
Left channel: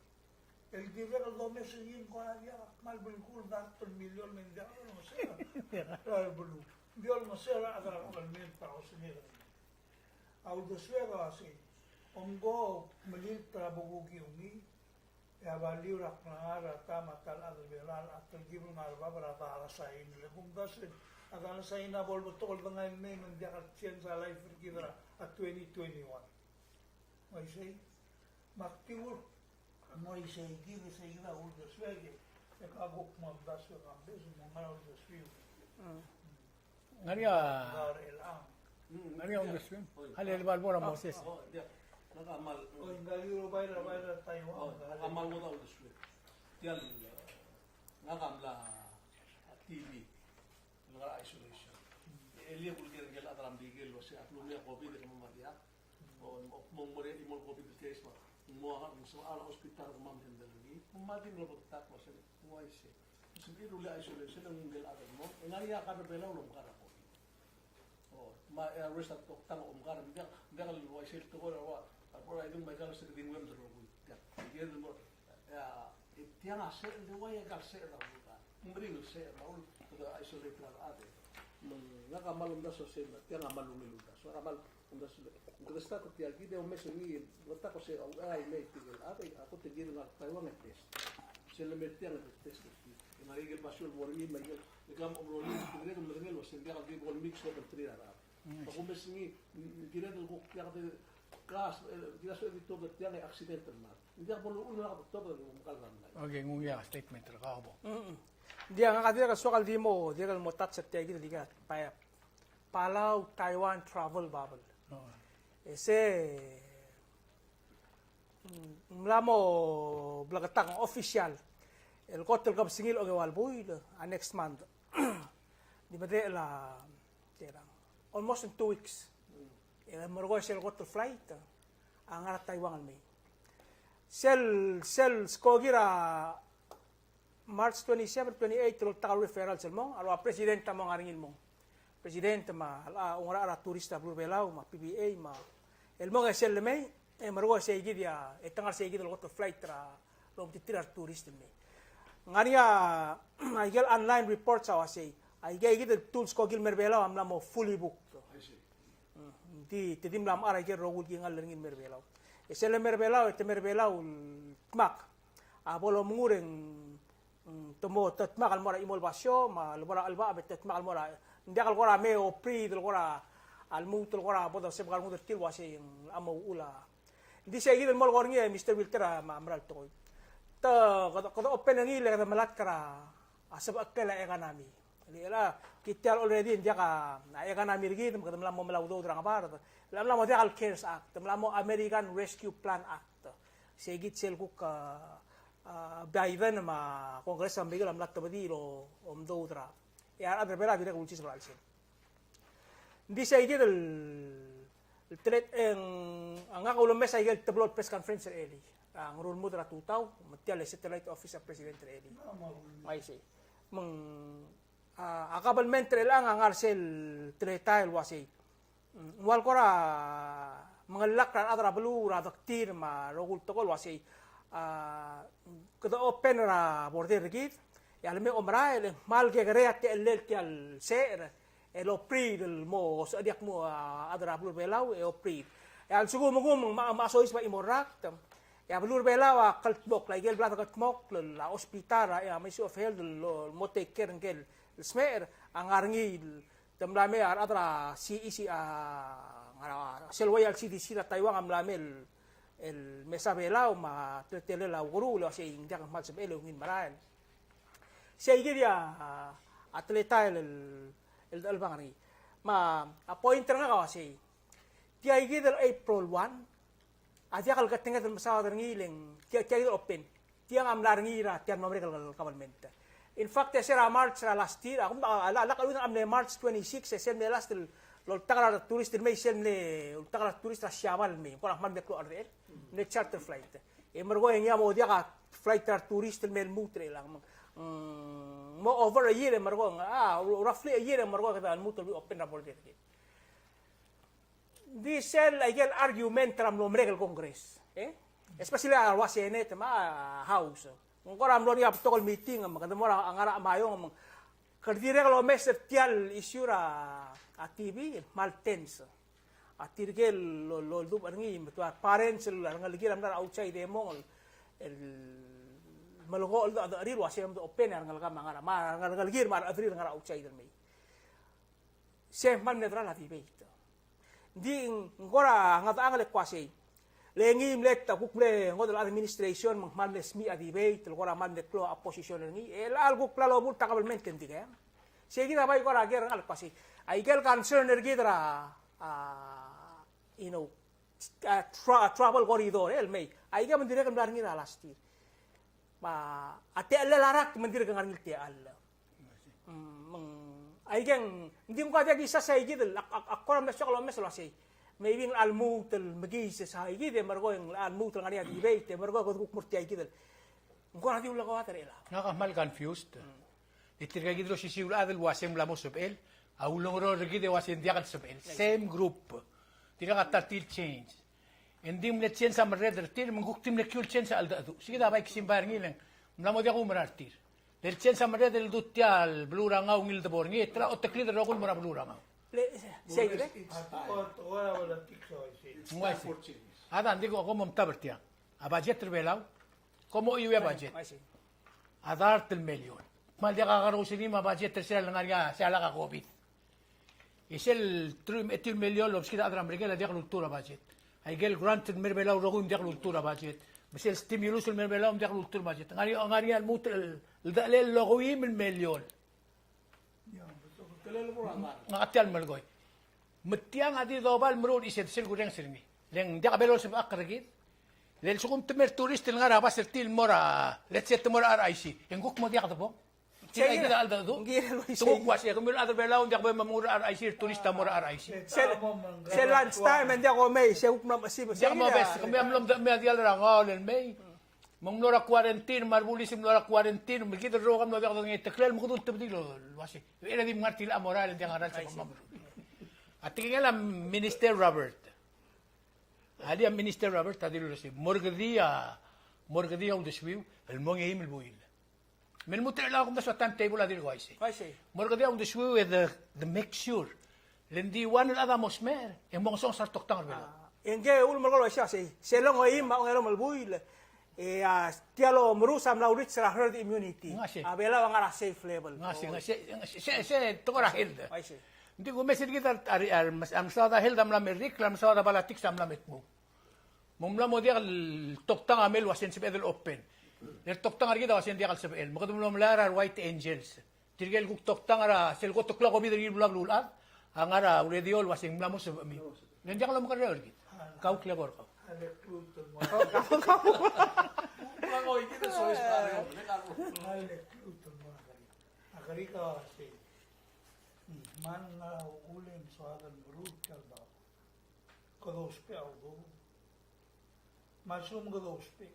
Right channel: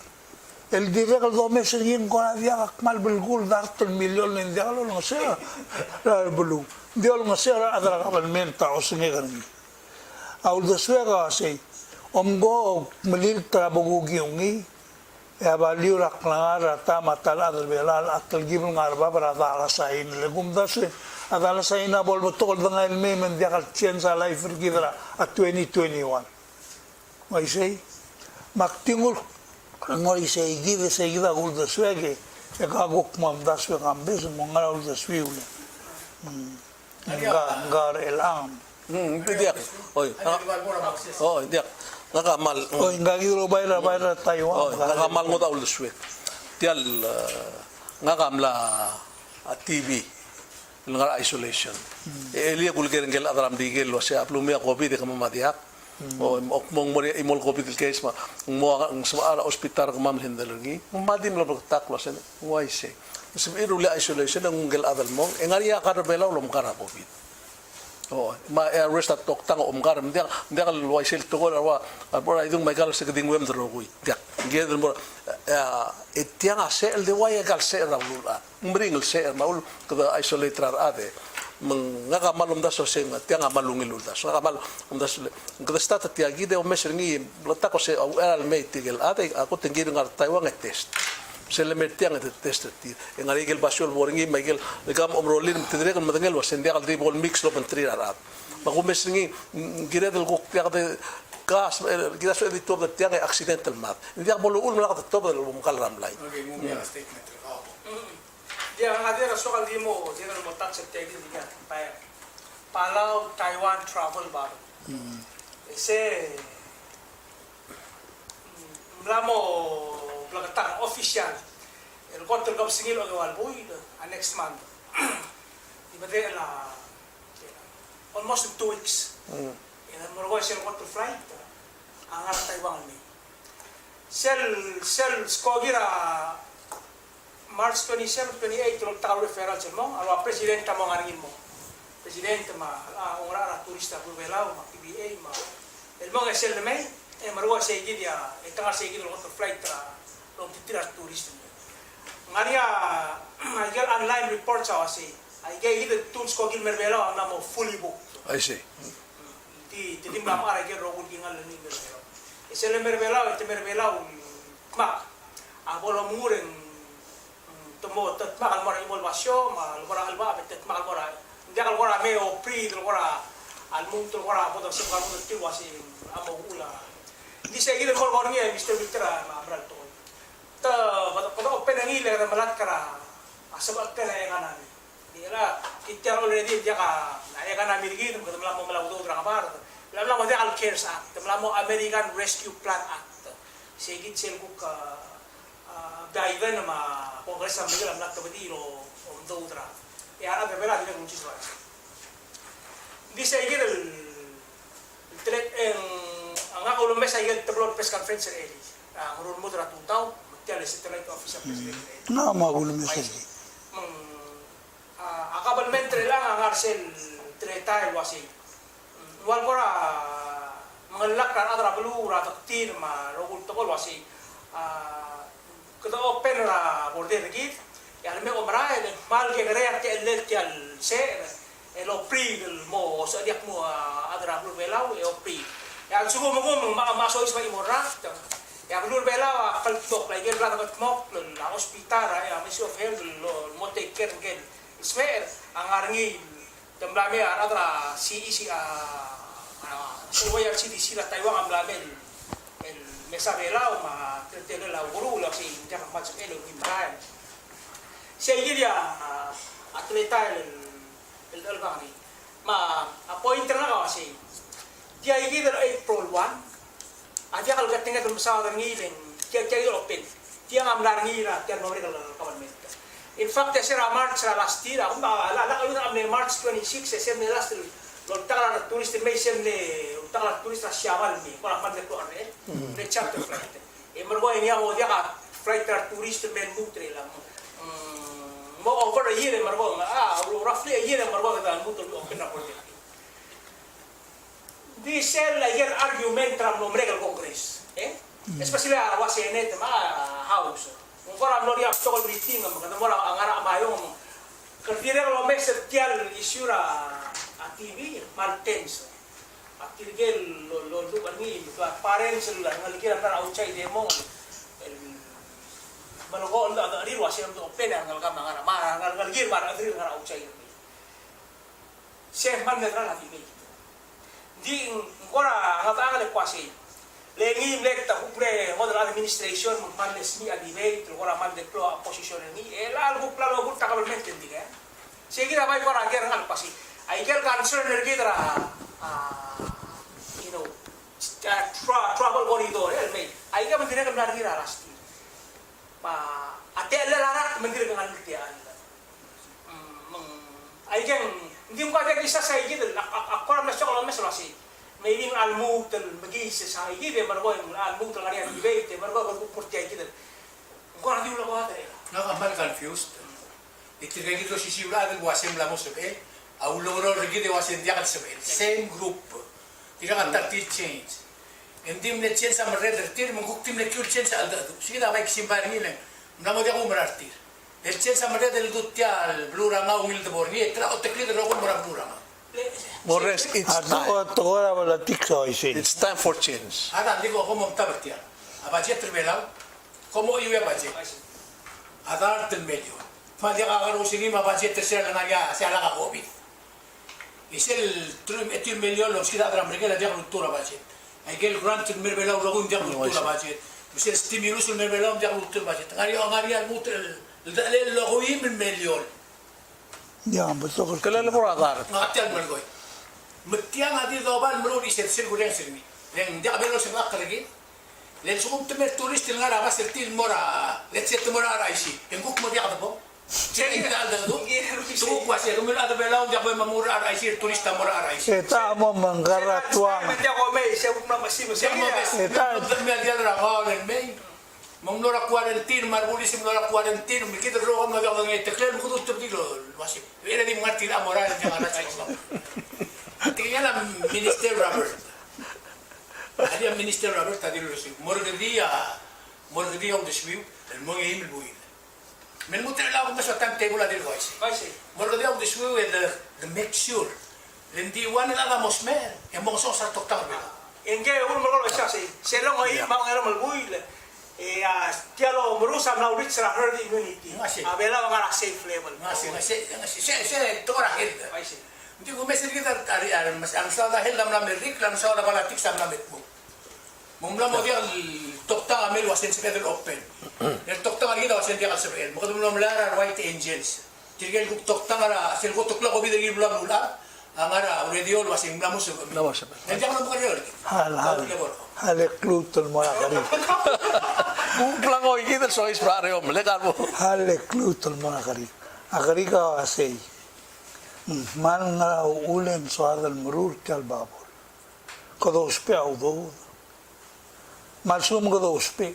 El direct al dome singin ko na dia akmal bilgul dartul milyon nin dia lo ngase la bulu dia lo ngase adra kabalmenta o singegan aul da suega sei omgo melil trabugi ungi ya baliu rak langara tama talad belal atal gibul ngarba para dala sain legum dase adala sain bol botol dengan ilme men dia kal cienza life gidra at 2021 mai sei maktingul ngoi sei give sei gida gul da suege e gagok mam da suega ambes mongara ul da suiule ngar elam Hindi oy. Oh, hindi. Nakamal. o ingagiro bayra Taiwan Nakamal mo daw luswet. Tial ngakamla TV. Nga isolation. Elia kulger ngel adram digel lo sa plumia COVID ka mamadiak. O mong mori imol COVID case ma mo ang sa ospital ko mam hindalangi. Madim lo taklo sen. Why say? Sib iruli isolation ang ngel adal mong engariya ka rebela lo mkara COVID. Oh, ma arrest at tang umgar dia kal luai sel to gol arwa idung mai gal se keding wem dro gui dia gedel mo etiang ase el de wai gal se ra lula mring el se maul ke isolate rar ade mengaga malum da so sen tiang malungi lula so mal da so ke stata tia gide o meser ngi blata ko se al mei tigel ade ako tengi ngar Taiwan test se le metiang et test ti en arigel basol boringi miguel gam omrolin tidre kan madangel was sendia al bol mix lo pentri arab ba ko mesngi gire del gok tia de gas gida so editor de tia accidental mat dia bolo ul mala top del mukal ramlay Okay, mumia statement. Dia ada soal demo, dia kalau mau tak setia gitu dia, Palau Taiwan travel baru. Ese mlamo belakang official. El hotel kau singil oleh walbui next month. Di mana lah almost 2 weeks. Yang mereka sel hotel flight angar Taiwan ni. Sel skogira March 27, 28 tulog takal referral sa mo, alwa presidente mo ngangin mo. Presidente ma ongora ara turista bubelaw ma PBA ma. El mo nga sel me, marwa sa dia, etangar sa igid lo flight tra lo titira turista. Ngania ayel online report sa wasi. Ayel id tools ko gil merbelaw amna mo fully booked. I see. Ti tidim lam ara gel rogul gingal ni merbelaw. Esel merbelaw, merbelaw mak. Abolo mureng tomo tat makal mora imol basyo ma mora alba betet makal mora ndia kal mora meo pri del mora al munto mora bodo se kal munto ti wasi amo ula di se gile mor gorni e Mr. Victor ma amral to ta pada open ngi le malat kara asabak kala e kanami di la kityar already dia ka na e kanami ligi dum kadam lam malaw do dra kabar lam lam dia al cares act lam lam American Rescue Plan Act se git sel ka daiven ma Kongres Amerika lam nak tabidi lo do udra ya ada bela dia kunci soal di sa igel el tret en anga ko lo mesa igel tablo press conference eli ngurul mudra tutau matial satellite office president na magul mesel akabalmente lang ang arsel tretal wasi wal kora mangalak ra adra blu ra daktir ma rogul tokol wasi kada open la border git ya me omra el mal que grea que el al ser el opri del mo so diak mo adra blu belau e opri ya sugo mo maso is pa imora ya blu belau kalpok la gel rada katmok la hospital ya ministry of health lo mo take care ngel smer ang arngi tamlame adra CEC selway CDC la Taiwan amlamel el mesa belau ma tele la guru la si jangan macam elo ni marai saya dia atleta el albani ma appointer na kasi dia igid April 1 aja kalau ketinggal dalam pesawat ngiling dia open dia ngamlar ngira dia nomor kalau government in fact saya March last year aku ala amne March 26 saya last year lo takala turis may semne takala turis siawal mi wala man de ko arre de charter flight e margo ini amo dia ka flight tourist men mutre lang mo over a year margo roughly a year margo ka mutre open na por this cell ayer argument tram no mregal congress Especially wa Senate mga House. Kung koram lo ni aptol meeting mga mo ang ara mayo mo. Kardire lo mes tial issue ra a TV Martens. Atirgel lo du barni parents la ngalgira na outside demo. Malgo la ari wa sinam do open ang ngalga mga ma ngalgir ma ari ngara outside. Chef man netra la TV. Di ngora ngata ngale kwasi. Lengi nekta hukle model administration mannes ni adibate ngora mande pro opposition ni el algo plano hut takalmente diga. Sige na bay kora ger ngal kwasi. Ay kel concern ergidra you know travel corridor el may. Ay ga mandira kam dari last year. Ma ate larat mandira kan ti al. Ay gang hindi mo ka isa sa igid akora na siya mes lasi. Maybe almut magis sa igid margo almut ngani debate margo ko murti igid. Ko na diula ko ate. Nakamal confused. Itirgay dito si Sibla del wasem la mo sabi. Auloro regide wasen dia kan sabi. Same group. Tira ka tati change. Hindi mo change sa mareder tir mo kuktim na cure change sa alda. Sige na bay kisimbar ni lang. Namo dia ko marartir. El change sa mareder dutial blura nga umil de borni tra o tekli de ko mura blura. Morris, it's time. Ahora wala tikso isin. It's time for change. Ada digo ko mo tabatia. A budget tribela. Como iwe budget. Ada 3 milyon. Ma dia ka karusigi ma budget sila na niya siya la ka COVID. Isel 3 milyon lo sila adra mereka dia kultura budget. Ay gel grant merbela ulo dia kultura budget. Misal stimulus merbela dia kultura budget. Ngani al mutel dalel lo 1 milyon. Ya, betul. Kailan mo radar? Ngatian mo goy. Metiang ati global mo ni sir gureng sirmi. Len dia kabelo sa akragi. Len sukum temer turist nga na bas til mora. Let's say mora raisi. Enguk mo dia kadabo. Sige na alda do. Sukum kwase kumel ada belaw dia ko mamura raisi turista mora raisi. Eta mo mangara Lunch tua. time hindi ako may siya hukma masibo. Siya Sige ko na. bes. Ano dakmel dia ra ma len may. Mong nora quarantine marbulisim nora quarantine mikit ro mo daw ng etekel mo dut tibdilo wasip. Ere di martir amoral dia ngara sa islam. Tingnan la Minister Robert. Ada Minister Robert tadi lu sih. Morgdia on the swiw, el monge imel buin. Men muter la ko sa timetable adil voice. Kasi Morgdia on the swiw and the make sure. Lendi wan la mos men. Yang mo sa toktang ba. Enggak, ul mereka siya sih. Sila ngayon mau ngayon malbuil. Tialo merusak na reach sa herd immunity. Masih. Abela mga safe level. Ngasih tora held. Kasi Hindi ko mesir kita ang sa dahil nam na merik lang sa na balatik sa na metbo. Mumla mo dia toktang amel wasen sa Pedro Open. El toktang agila wasen dia sa el. Mo kadum lara White Angels. Tirgel toktang ara sil ko tukla ko bidagi bula bula. Ang ara radio wasen mla mo sa. Nandiyan ko na ko rin. Hale klutul mo na kari. Kung lang ko ikita so is barrio, melegar mo. Hale klutul mo na kari. Akari ka asay. Man nga ulen so adal murur kal babol. Kodo uspe au do. Malsum kodo uspe.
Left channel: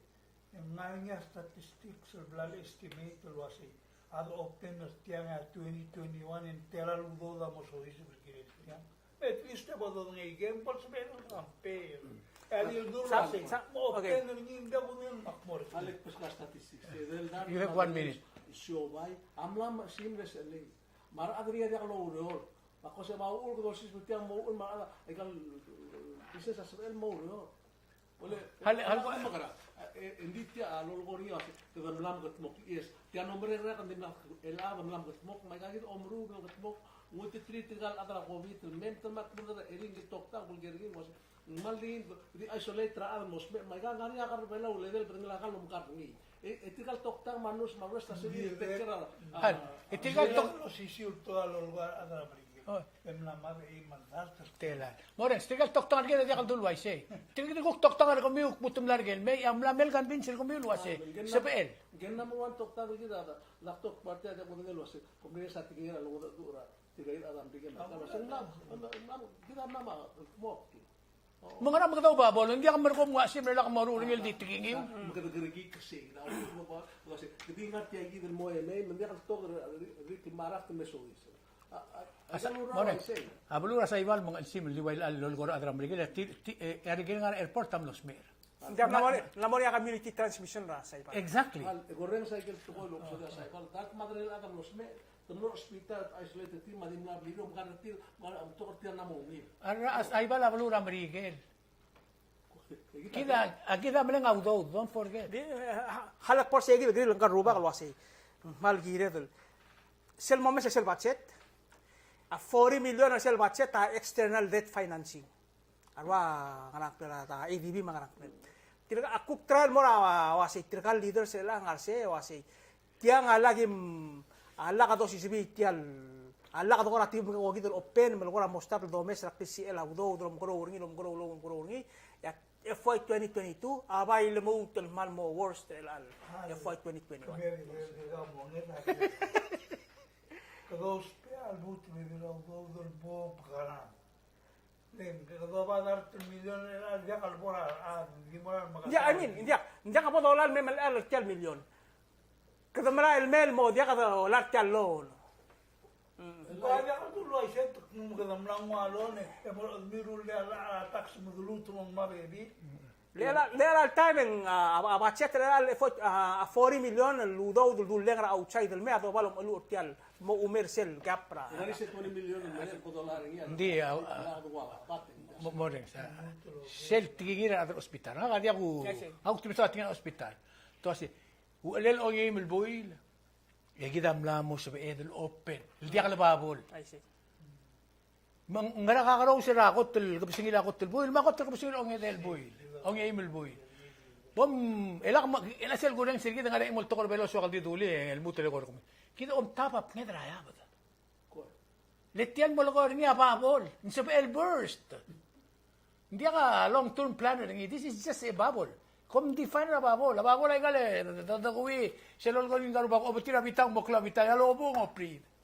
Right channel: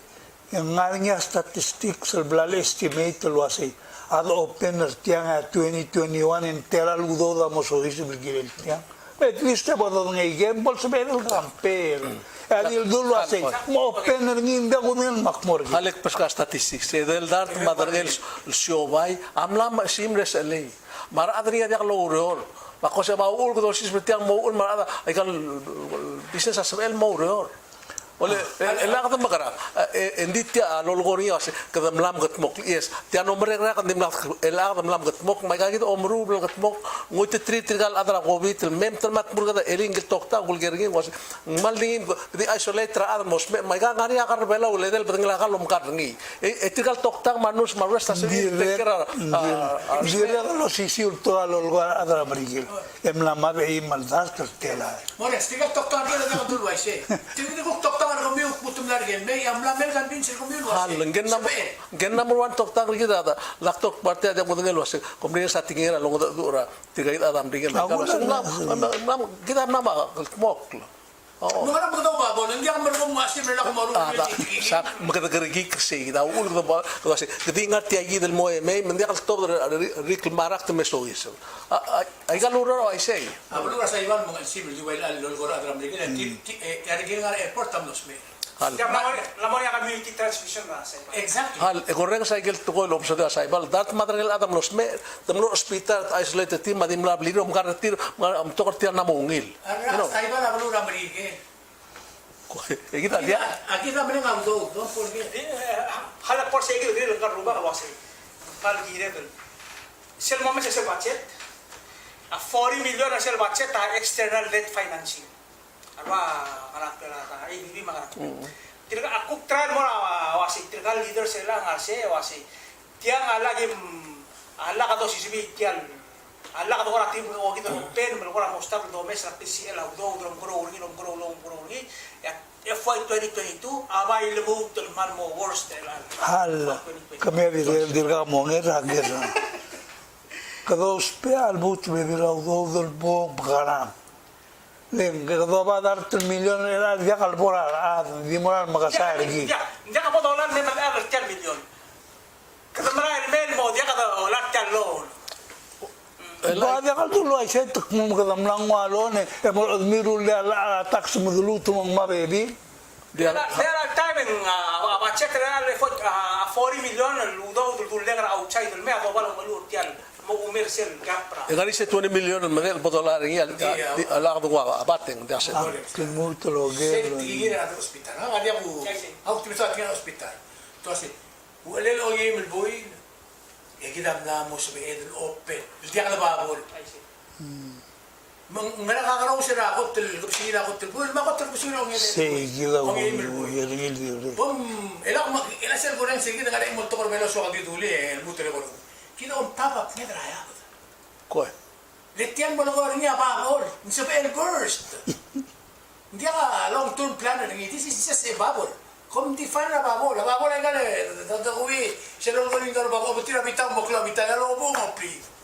Yang ngarinya statistics al blale estimate lo asay. Ad opener tiang 2021 entera ludo da mosois bilgirel tiang. Bet liste bodo ngai gembol sebel kamper. Adil dulu asay. Mo opener nginda kunen makmor. Halik pas ka statistics. Sedel dar madargel siobay, amlam simres alay. Mar adriya dia lorol. Bako sa maul ko dosis betiang maul mar ada ay kal business asbel maul. Ole ela ka magara. Endi tia lolgoria se kada mlam gatmok yes. Tia no mereka kan dimla ela ka mlam gatmok mai ka gito omru bel gatmok ngoite tri trigal adra covid mem ter mat burga eling tokta gulgergi was maldingin di isolate tra admos mai ka ngari akar bela ule del bengla ka lom karngi. Trigal tokta manus marwes ta se tekera. Dire lo sisiul to alolgar adra marigil. Emla mabe i maldas tertela. Mores, tinggal tokta dia na dulu ay siya. Tinggal ko tokta nga kumbiyo putum largen may amla mel kan bin sir kumbiyo was. Halang gen number 1 tokta rigi da laktok parte ada mo ngel was komdin sa tingera long da dura tigait adam dingel ka kita nama mok. Nung alam mo daw ba, hindi ako marunong masip na ako marunong yung sa magkagarigi kasi kita ulo da ba kasi di ingat ti agi del mo may hindi ka stop rikl marak te mesois ay galuro ay say Ablo sa iwan mga simple di wail al lol adram lagi ti nga airport tam dos me. Hal. Lamon yang community transmission lah saya. Exactly. Hal, koreng cycle to ko lom sa da saibal. Dat matrangel adam los me, tamno hospital isolated team madim la bliro mkaratir, mtokortir na mungil. Ara, sa iba na balo Ramrigel. Kita dia. Aquí también auto, don't forget. Halak por saya gitu, dia lengkap rumah kalau sih. Mal gire tu. Sel moment sel budget. A 40 million sel budget ta external debt financing. Arwa karakter ta ABB makarak. Tirka aku try mo na wasi tirka leader sila ngase wasi. Tiang lagi ala ka to sisibi tiang. Ala ka to ora tibu ko gitu pen mo ko mostar do mes la PCL do grow ngi. FY 2022 available to man mo worst Hal, kami abirel dirga monger agera. Kado speal but me dira do del bo garam. Len kado ba dar 3 million era dia kalbora di moral magasay lagi. Dia ka po dolar may mag-aral 10 million. Kada maral mail mo dia ka dolar 10 loan. Ba dia kal tulo ay set mo kadam lang walo ne e mo admiru le tax mo dulu tumang mabebi. There are time in about check real 40 million ludo dul le gara outside me ado balo malu tial mo umer sel gapra. Egari se 20 million magel $1 ngi ala ko wa abateng dia se. Mo tulo Sel ge. tigir at hospital. Ha, dia bu. Ha, optimizo at hospital. To asi. Bu elel o yim el boy. Ya gidam na mo sa edel open. Dia kala babol. Mana kakaraw siya ako til gubsina ako til buil makot til gubsina ng Say gila ko yering dire. Ela sel ko rin sige ngare mo to ko melo so kagiduli el butere ko. Kino on papa ngedra ya. Ko. Letian mo ko rin ya babol. Sa el burst. Hindi ka long term planner ngi this is just a bubble. Kom define na babol. Babol ay gale. Tatakuwi. Siya lang ko rin ka ba ko tira bitang mo kla bitang alo mo please.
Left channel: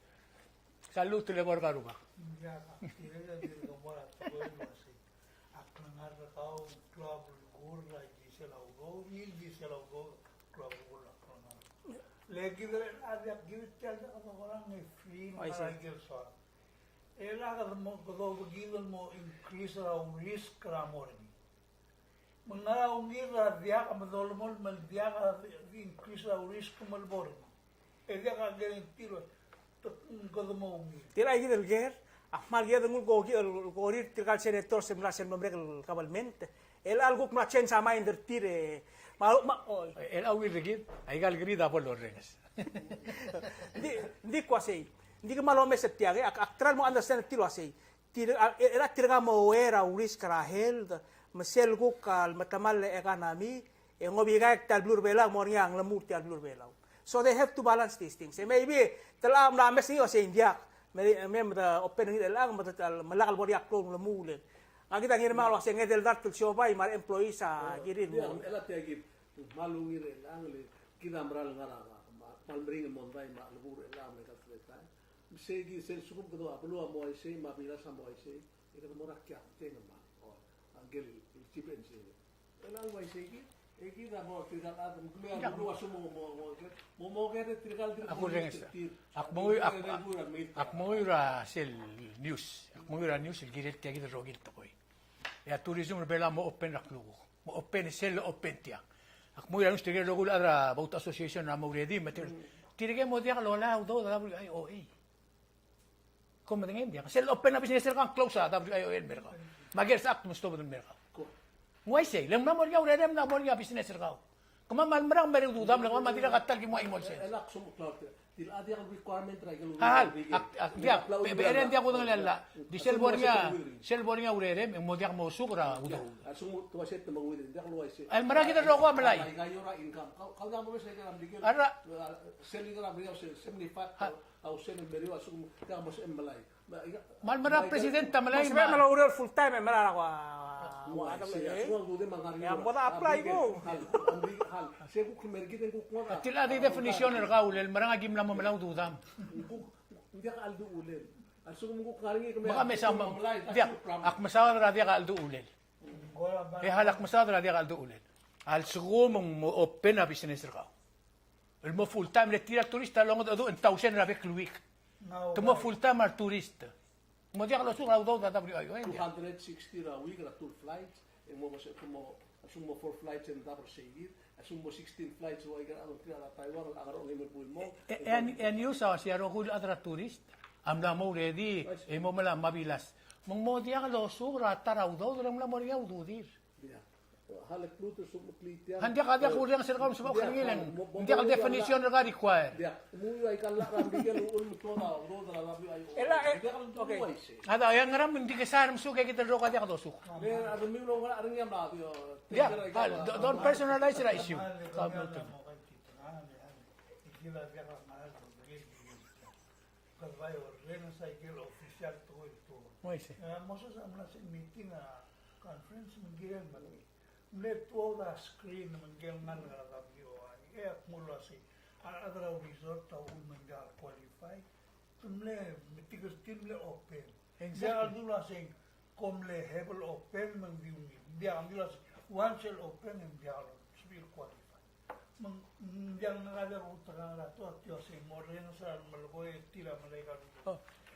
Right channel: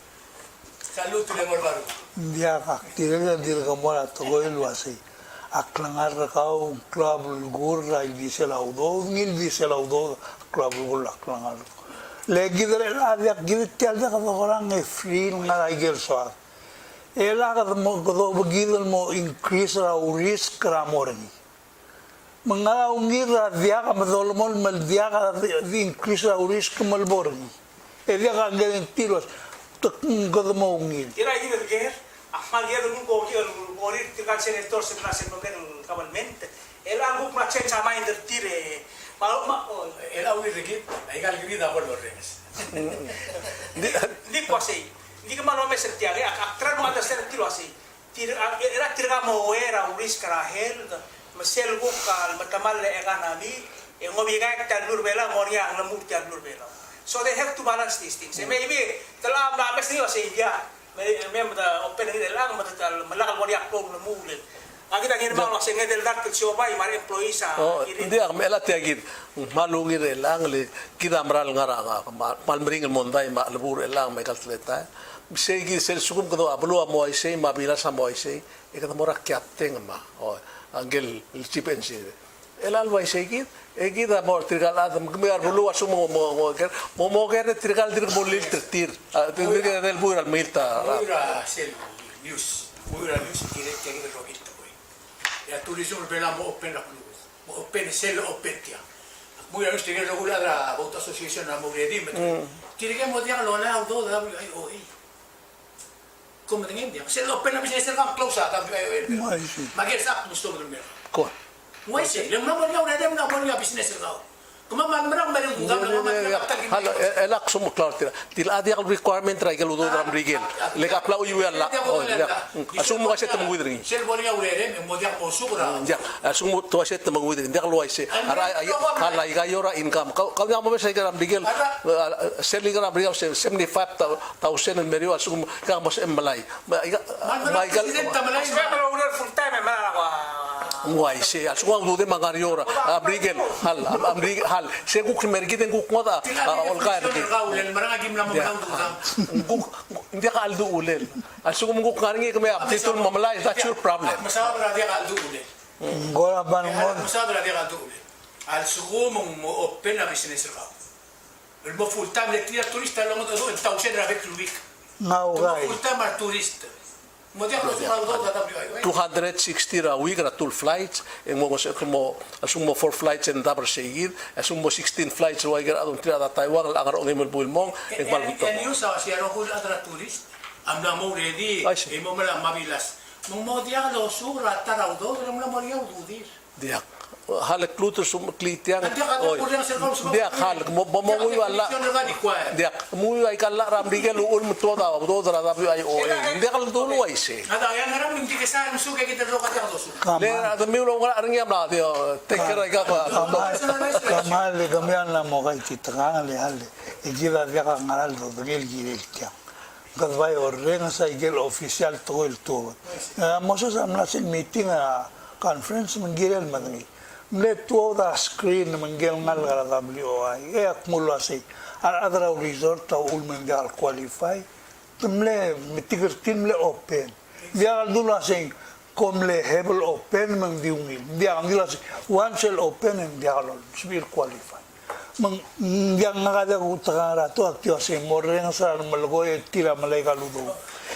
Salud tulang orbaro. Dia kak dirga dirga mora to go ilwasi. Aklangar kau club gurra il diselaudo ngil diselaudo club gurra aklangar. Legi dere adia gidit tialda ka orang e free ngara igel so. Ela ka mo go gidel mo increase ra risk ra morni. Mga ungira dia ka madolmol mal dia ka increase ra risk mal borni. Elia ka garantilos God mo ngil. Tira ini berger, ahmal dia dulu gogi tinggal senator sebelah memberi kabalmente. El algo kuma change sama tire. Malu El awi rigid. Ay gal gini da por res. Di kuasai. Di kemana me setiap aktrar mo understand tiro asai. Era tirga mo era uris karahel. Mesel gukal matamal le economy. Ngobiga tadlur bela moria ang lemur tadlur bela. So they have to balance these things. Maybe telah mames ni sa India. May open ni lang malakal mo riak na mulin. Ang kita ginawa lang sa ngedel dat siya ba yung employees sa Hindi ako mela tiagid. Malungir lang le kita maral ngara palmering monday malabur lang may kaltleta. Segi sel sukum ko ablo mo ay say mabila sa mo ay say ikata mo rakyateng ma. Angel chipensi. Elal way say Egida mo trigalada magmayar bulu asu mo ger trigal dir bolil tir del buir al milta Muira sel news. Muira news direct kaya gina robita boy. Ya turismo bela mo open na club. Mo open sel open tiya. Muira news tigre lo gula da boat association na mo ready met. Kire mo diyan lo na auto da ay oi. Como dengan dia. Sel open na business ka close ata. Magel sak gusto mo dun. ko Why say? Yung mamon nga una dem nga bon nga business ka. Kumaman marang bareng gam nga man nga kapital halo elak sumo klar tila adi al requirement ra galo do am rigel le kapla u yela asumo aset mo widring Sel bon nga urere mo dia mo sugura. ya asumo to aset mo widring dia lo aise hala iga yora income kau nga mo sa iga am rigel sel iga am rigel 75,000 en medio asumo ka mo sa embalay full time Muay se asumo do de magariora abrigel hal se kuk mergiten kuk ngoda olka Ulen marang agim na mo na udang. hindi ka aldo ulel asumo kuk ngaringi kami aptito mamalay that's your problem Masawa na dia kaldo ulen. Gora ban mo. Halak masawa na dia kaldo ulen. Al sugo mo open na business ka. El mo full time le tira turista lo mo do en tausen na vet week. Nga Mo ugay. full time ar turista. Mo dia kalau suka do da WI. 260 ra week ra 2 flights en mo asumo 4 flights en dabar seguir asumo 16 flights wa gar adon tira da Taiwan al agar ngem bulmong en balbuto En yo sa si ro kul adra turist. Am na mo ready. Ay, si. Imo mala mabilas. Mo dia kalau suka tarau do, ram na mo dia udir. dia hal kluter sum klitian Nanti ada boleh hasil kalau suka. dia hal mo wala dia mu ay kala ram digel ul muto da do da WI o dia kal dulu ay se Ada yang ngaram hindi kesan musuh kayak kita ro kata do suka. le ada mi lo ngara ngam na dia take care ga ba Kamali kamian na mo kay chitanga le hale. Igila dia ka ngaral do ngel gile kya. Kadvay orrenga sa igel official to el to. Mo sa amna sin meeting a conference mangirel mangi. Mle to da screen mangel ngal gara WI. E akmulo asi. Al adra resort ta ul mangal qualify. Tumle mitigertin le open. Dia dula sing komle hebel open mang diungil. Dia angila si one shell open and dia lol sibir qualify. Mang dia ngada utara to aktio se morren sa malgoy tira malay kaludo.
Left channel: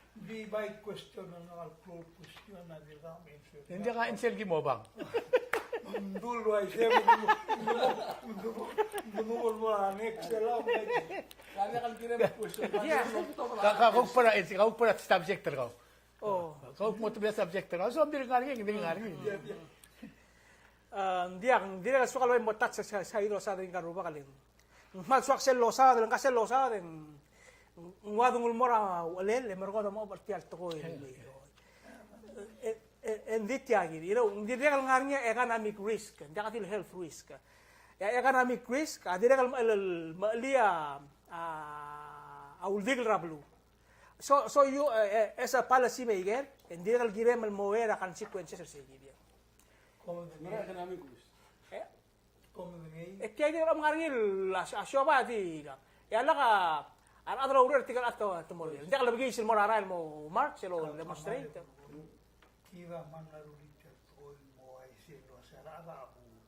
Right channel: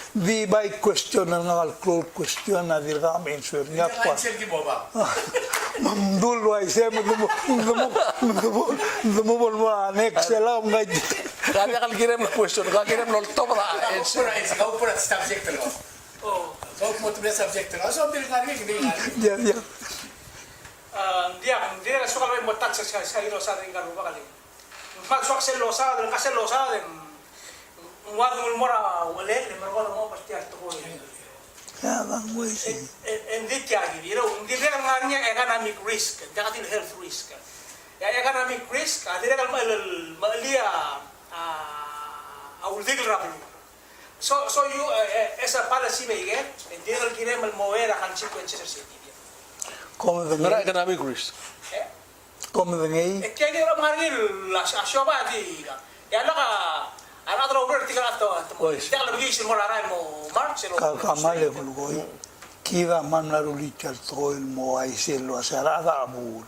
Di by question ngal close question na dirga am answer Ya niya pa. cancel ki mo ba? Mamdul wa ise mo mo next sela ngai. kaya kal girem question ka girem lo to ra Kau pura subject lo. Oh. Kau mau tu subject lo. So ambil kali ni kali. Dia Dia suka lo mo touch sa ilo sa ring karu bakal. Mag suak sel lo sa ring kasel lo sa ring. Ngwadung mora le mergo mo pasti at ko. ya bang wei si. And dit ya gini, hindi dia ngarnya economic risk, jakatil health risk. Ya economic risk, adira kal malia legal rablu. So you as a policy maker, and dia kal gire mal moera consequences sa dia. Come ngara the economic risk come the ngai. Kaya dia ngarnya asyoba di. Ya laka adra urur tikar ato. Ois. Dia kal bagi sil moraran mo mark silo. Kamale kulgoy. Kira man la rulichal toil mo ay selo asara da abul.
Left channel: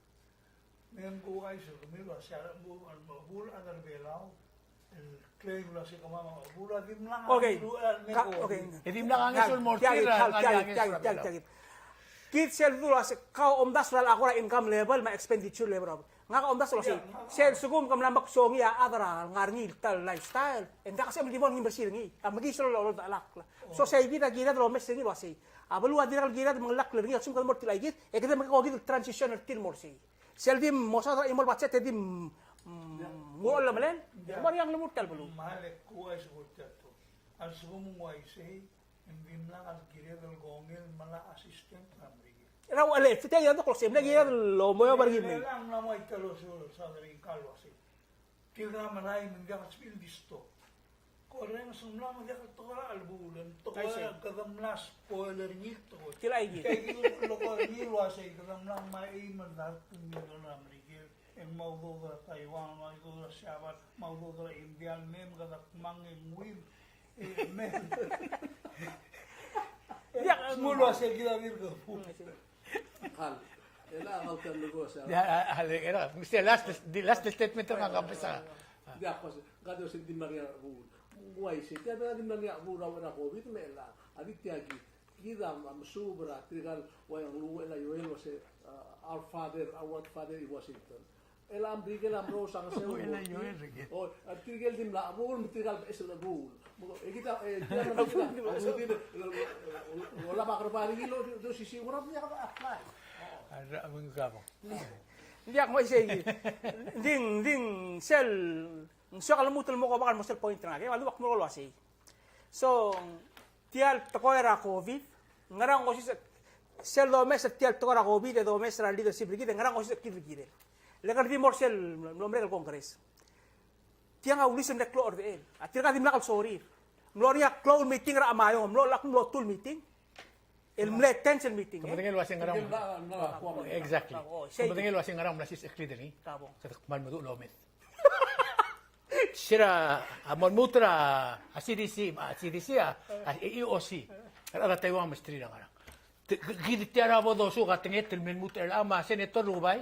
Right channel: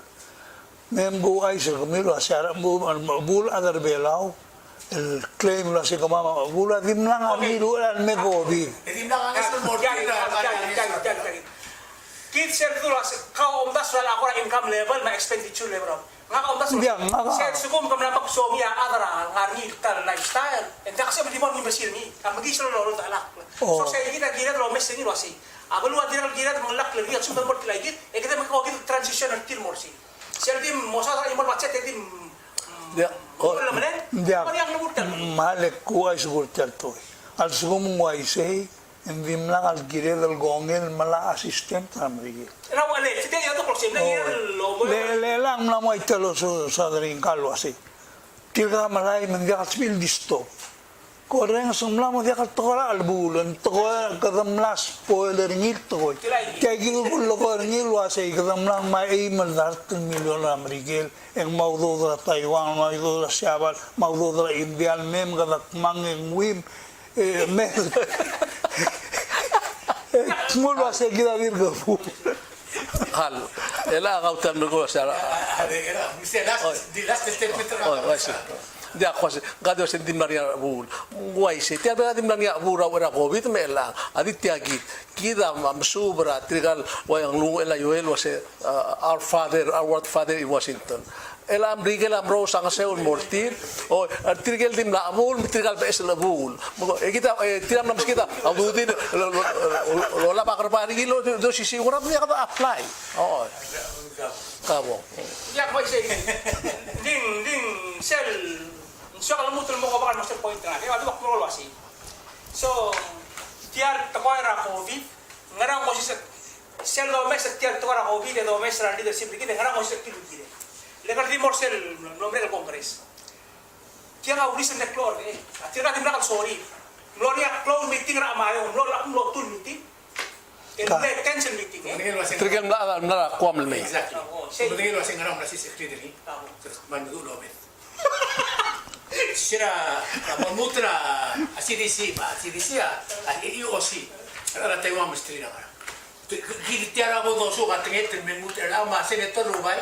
Membo ay se kamilo asara abul adar belao. El claim la se kama abul adim lang amilu al megobi. Jadi bilang angin semua Kit sel dulu kau omdas wala ako income level ma expenditure level. Nga ka omdas sel sugum kam lamak so ya adara ngarni tal lifestyle. Enda kasi mali mo imbasil ni. Ang magislo lo ta alak. So say gina lo mes ni wasi. Abulu adira gina mo lak lagi at sumdan mo tilagit. E kita makawin transition at til morsi. Sel dim mo sa imol macet dim dia mo la menen. Dia Mo yang lumurtan. male kuay suburchal toy. Al sugum mo ay sei endim lang al gire del gongel mala assistant amrigi. Raw ale, kita ya to kloksim lagi lo mo Le lang na mo italo sa daring kalo asi. Tira malay mendia spil disto. Koreng sumla mo dia katokora albulan tokora kadamlas spoiler ngit toy. Kaya gigo lo ko ngil wasi kadamlang mai malart milyon amerikel en maudo da Taiwan maudo da Siabal maudo da India mem gadak mangeng wim me Mulo ase gida virgo. hal ela ga utam no sara ada era. Mesti last step itu dia kwase gado sentim maria bul guai se te ada dim maria bura ora covid mela aditya git kida mamsubra trigal wayang lu ela yoel wase our world father in Washington ela amrigel amro sang seul mortir o trigel dim la bul trigal pes la bul kita tiram nam kita abudin lo la bakar pari lo do sisi ora dia kada apply oh kabo Ya ko say ding sel so kalau mutul mo ko bakal master point na ni wala ko lo asi so tial takoira covid ngara ko si sel do mes tial takoira covid do mes ra leadership ligi ngara ko si kilugire le kan di morsel nombre del congres tiang aulis na klor tira di nakal sorry gloria close meeting ra amayo lo la lo tul meeting el le tension meeting trigel na kwam le Exactly. Sebenarnya lo sing ngaram nasi secretary. Terus mandu lo bet. Sira mamutra CDC EOC era Taiwan mesti ngara. Gili tiara bodo so gatenge termen mutra ma senator rubai.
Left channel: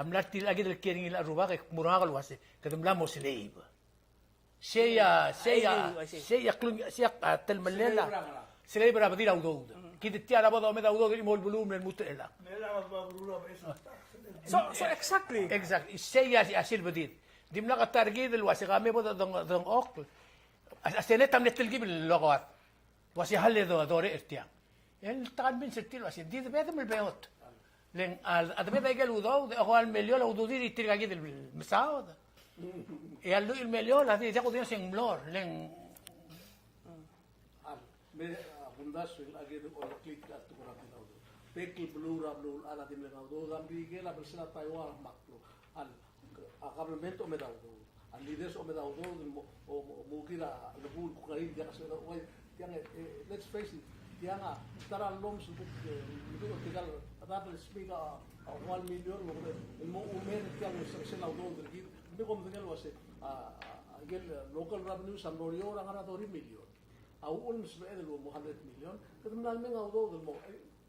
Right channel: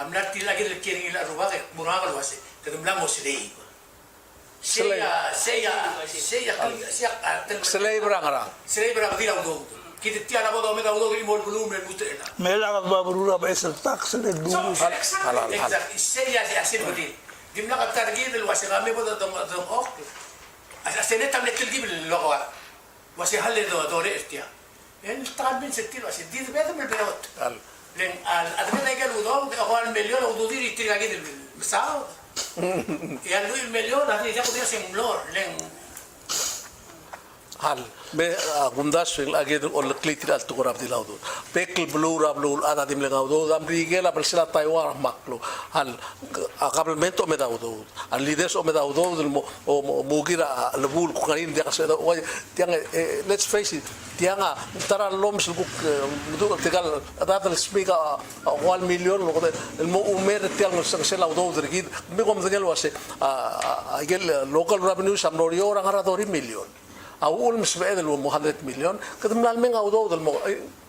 Amna tila gil kering ila rubai murang lo ase. Kedum la mosilei. Siya Celebra nga ra. Celebra ba dilaw do. Kita tiara ba do metaw do imol volumen musta ena. Mela ka babarura ba sa tax le So, dumo. exactly. Exact. Siya asin ba di. Di na ka target del wasi kami ba do ok. Asin tam letel gibi logo. Wasi halle do re estia. En talpin setil wasi di be do melbeot. Al. Len al admeta ka do ako an milyon o do diri tirga gidel misao. E al lui milyon ati ya podia sin lor len Hal, me gundas el aged ol klitir al tukurab di laudo. Pekl blur ablul ada dim legaudo dam rigela persela Taiwan maklo. Hal akablemento me daudo. Al líderes o me daudo del o mugira lebul ku karin dia kaseda o tiang let's face it tianga tara lom sul ku mudu tegal ada el speaker 1 million lo el mo umer tiang se laudo dergid me kom degel wase agel local revenue samnorio orang ara 2 million. Awul mas ba edel 100 million kadam nal menga udo dal mo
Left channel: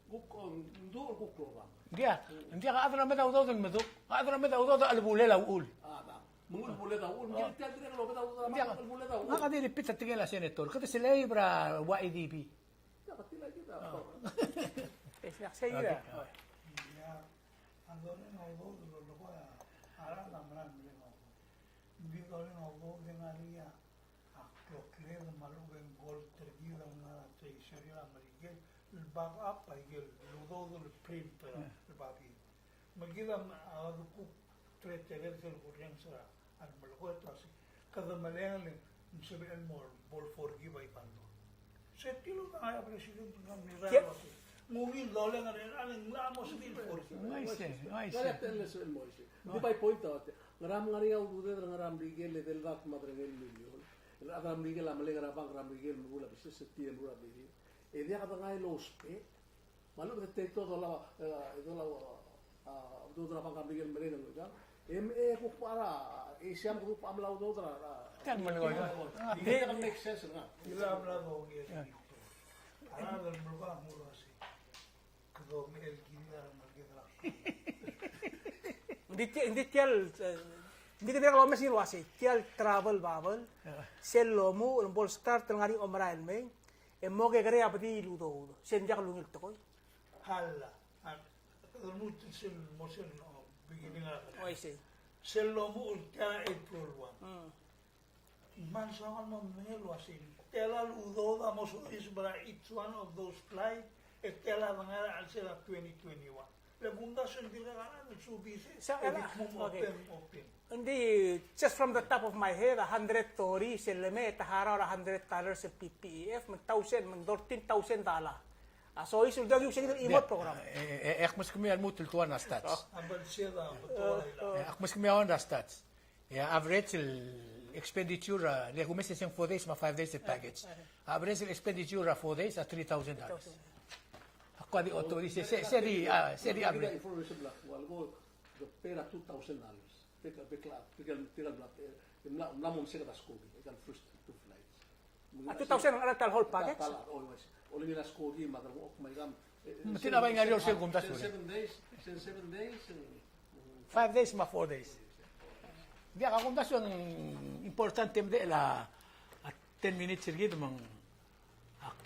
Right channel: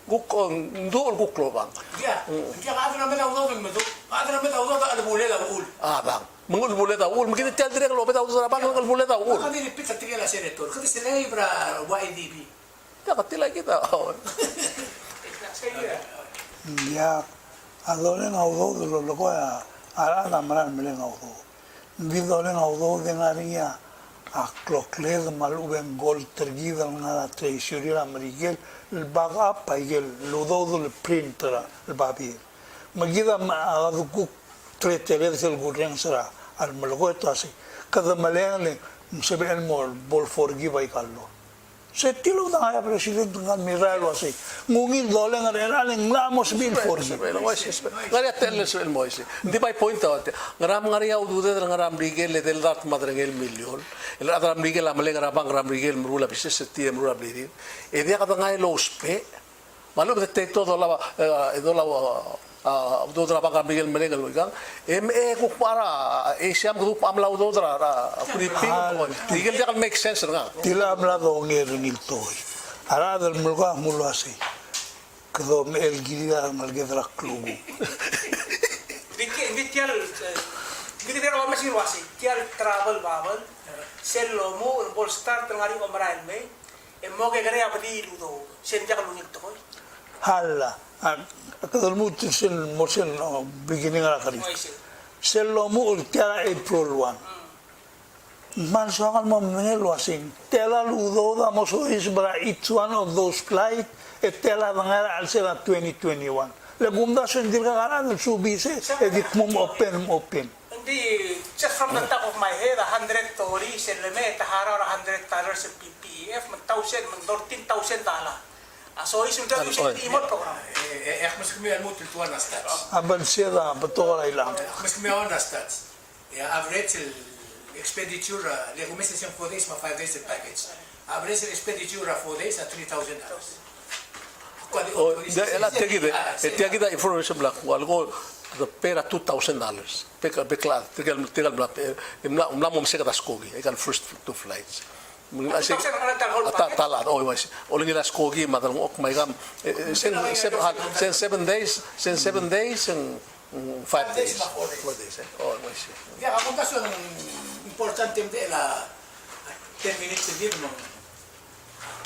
guk ndo guk lo bang dia adra meta do do medo adra meta do da bulela ul bang mengul bulet awul mungkin tial dire lo beta udo bang mengul bulet awul kadi ripita tigela senator kadi celebra YDP ya katila kita Ya adole na udo lo lo ko ya ala na mara mele na udo. Di dole na udo de ngaria a clocled maluben gol tergida na treasury la marigel el baga paigel lo do el printer el babir. Magida ma adu tretere del gurren sera al malgo to así. Cada maleane se ve el mol bol forgive ai callo. Se tilo da ya presidente ngal miralo así. Ngungil dole ngara len lamos bil forgive. ngari atel el moise di by point out ngaram ngari au dude ngaram rigel le del dat madrengel million el adram rigel amle ngaram ngaram rigel mrula bises tie mrula blidi e dia kata ngai lo spe malo de todo la do la do tra bang rigel melengal lo gang ku para siam grup amla do tra kuri pi rigel dia make sense nga Tila hablado ngil toy. Ara del mulga mulo así. Quedó el guía malgedra club. Vitial Vitial wa masih wasi tial travel babel sel lomo bol start ngari omrael me e mo ke gare abdi ludo sen jak lunik to Hala. Quedó mucho sin mosen beginning a la cari. Se lo mu tiara April 1. Man soal mo menelo así. Tela ludo damos is bra each one of those flight e tela ngara al sera 2021. Le gunda sendir gara del subise e dit mum open. Hindi, just from the top of my head, 100 tori, seleme, tahara, $100 sa PPEF, $1,000, $14,000. So, isul dyan yung imot program. mas kami al mutul tuan na stats Aban siya betul ilang. mas kami on na stats ya average expenditure le kumisa siyang 4 days ma 5 days package average expenditure 4 days at $3,000 Kwadi la tegida information black algo the pera $2,000 pekla tegal black umla mom se kataskogi I can first 2 flights talat oh was oling ila skogi madal ok may gam 7 days and 5 days 4 days oh was ya ako kaso ang importante de la 10 minutes din mo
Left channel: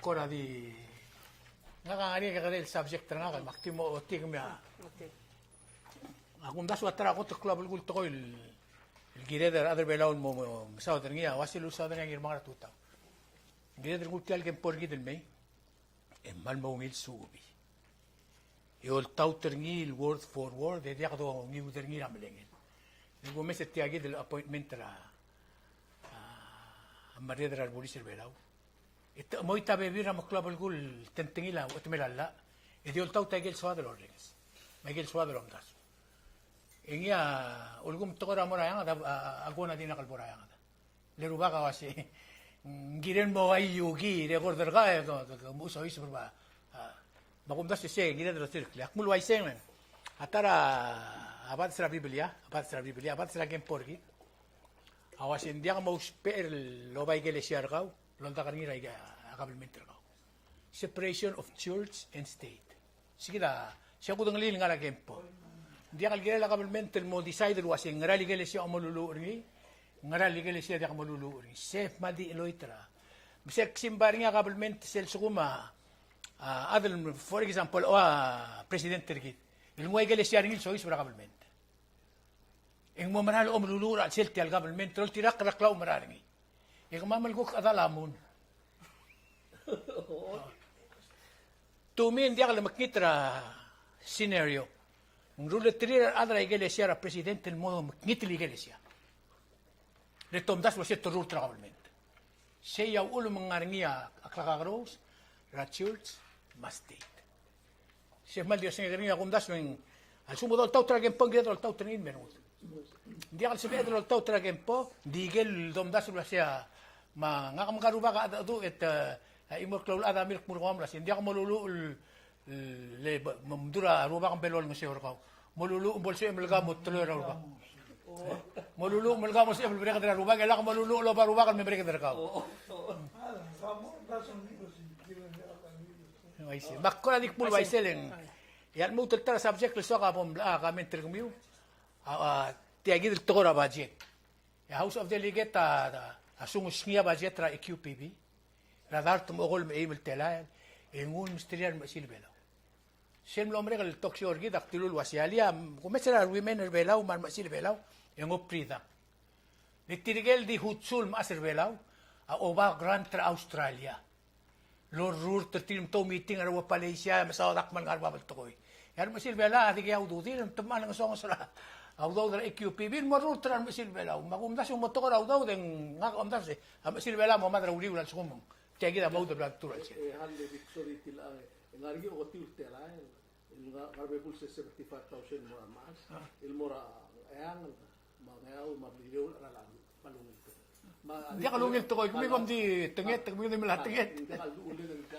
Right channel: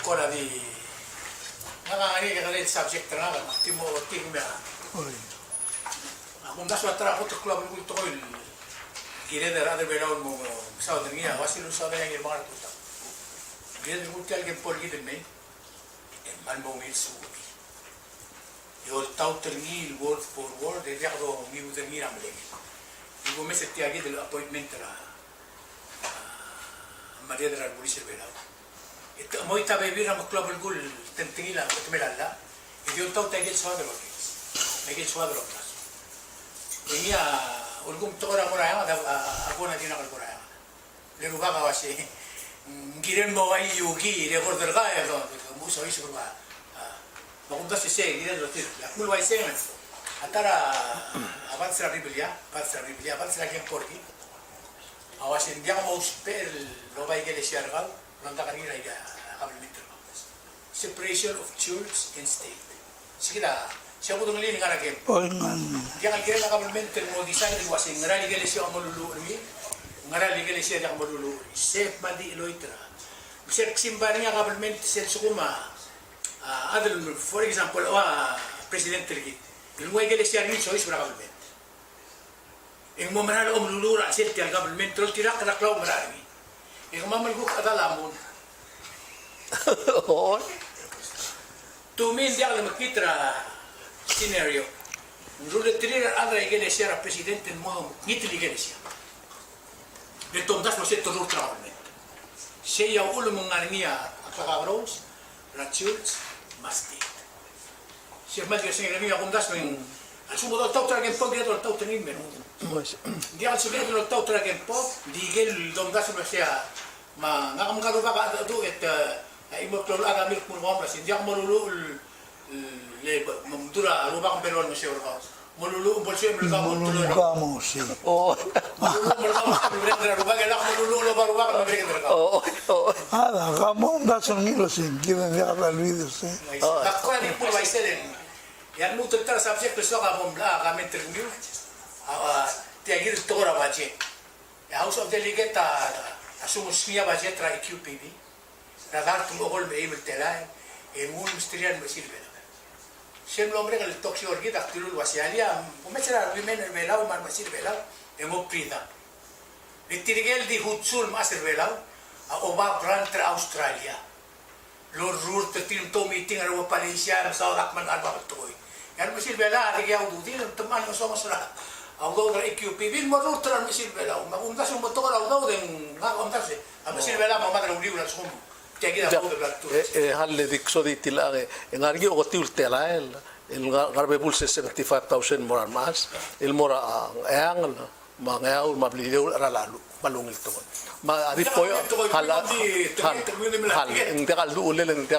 kora di nakangari ka rin subject na nga timo tingme akong daswa tra ko to club ng kulto ko gire der other way around mo sa dringia wasilu sa na yung mga tuta gire ng kulto algen polgi din me en mal mo mil su yo tauter ni word for word de ya do mi user ni ramle ni go mese ti agid el appointment la Maria de la Bulisa Belao mo ita bebir ang club el gol tentingila at melala y dio tau tagil suadro Miguel suadro iya ulgum tora moraya ako na din nakalboraya lero ba ka wasi giren mo ay yugi recorder ka mo so isu ba magunda si se giren lo tit mul wai semen atara avanza la Biblia avanza la gen porgi awasin dia mo spell no ba iglesia argal lonta kanira ya kabelmente separation of church and state sige la siya ko tong lining nga game Oy man. dia kan kira kabelmente mo decide wasin ngrali iglesia mo lulu ni ngara legal siya dak malulu safe mandi iloitra bisag simba niya government sel sukuma adal for example president tergit ilungay gali siya rin choice para government ing mo manalo malulura sel tial government tol tirak raklaw marami ing mamal ko adalamon Oo. Tumil diak na makitra scenario. Nurule tirir ada iglesia ra presidente mo ngitli iglesia. De tondas mo se turur trabalment. Se ya ulo mong arnia akakabros, ra church, mastit. Se madio se arnia kundas mo asumo do tautra que pog do tautra ni mero. Dia al subir do tautra que pog digel dondas mo sia ma ngakamgalo ba do et imo klolo aga milk pur ngomra sin dia molulu le mamdura ruba kan pelon mo siya ruba molulu bolso mo ruba mo tulo Vamos, sí. Oo. molulu mo ruba mo siya mi brenda ruba gela molulu lo ba ruba kan mi brenda ruba Oo. Oo. Ramón da sonido sin que me deja la vida, sí. nakko ni po may selen ya lu tetra subject so ka bom la ka meter mi tiagir tora budget ya house of delegate asumus niya budget ra EQPB Radar tum ogol me email telai un ministerial me sirve. Sem nombre que el toxio orgida actiru wasialia, come será women velau man masir velau en oprida. Litirgel di hutsul masir velau a oba brand tra Australia. Lo rur te tim to meeting ara Malaysia sa dak man arba toy. Yan masir velau di au du din teman no somos la. Au do EQP bin mo rur tra masir velau. Magunda so mo to ala au den ngam se. A masir velau mo madra uri ulan sumo. Halle dikso di tilare en argi o tiul telael el garbe bulse 75,000 moral mas el mora ang mangaul mablideu ralalu balungil to ma ari poyo hala en te kaldu ulel en te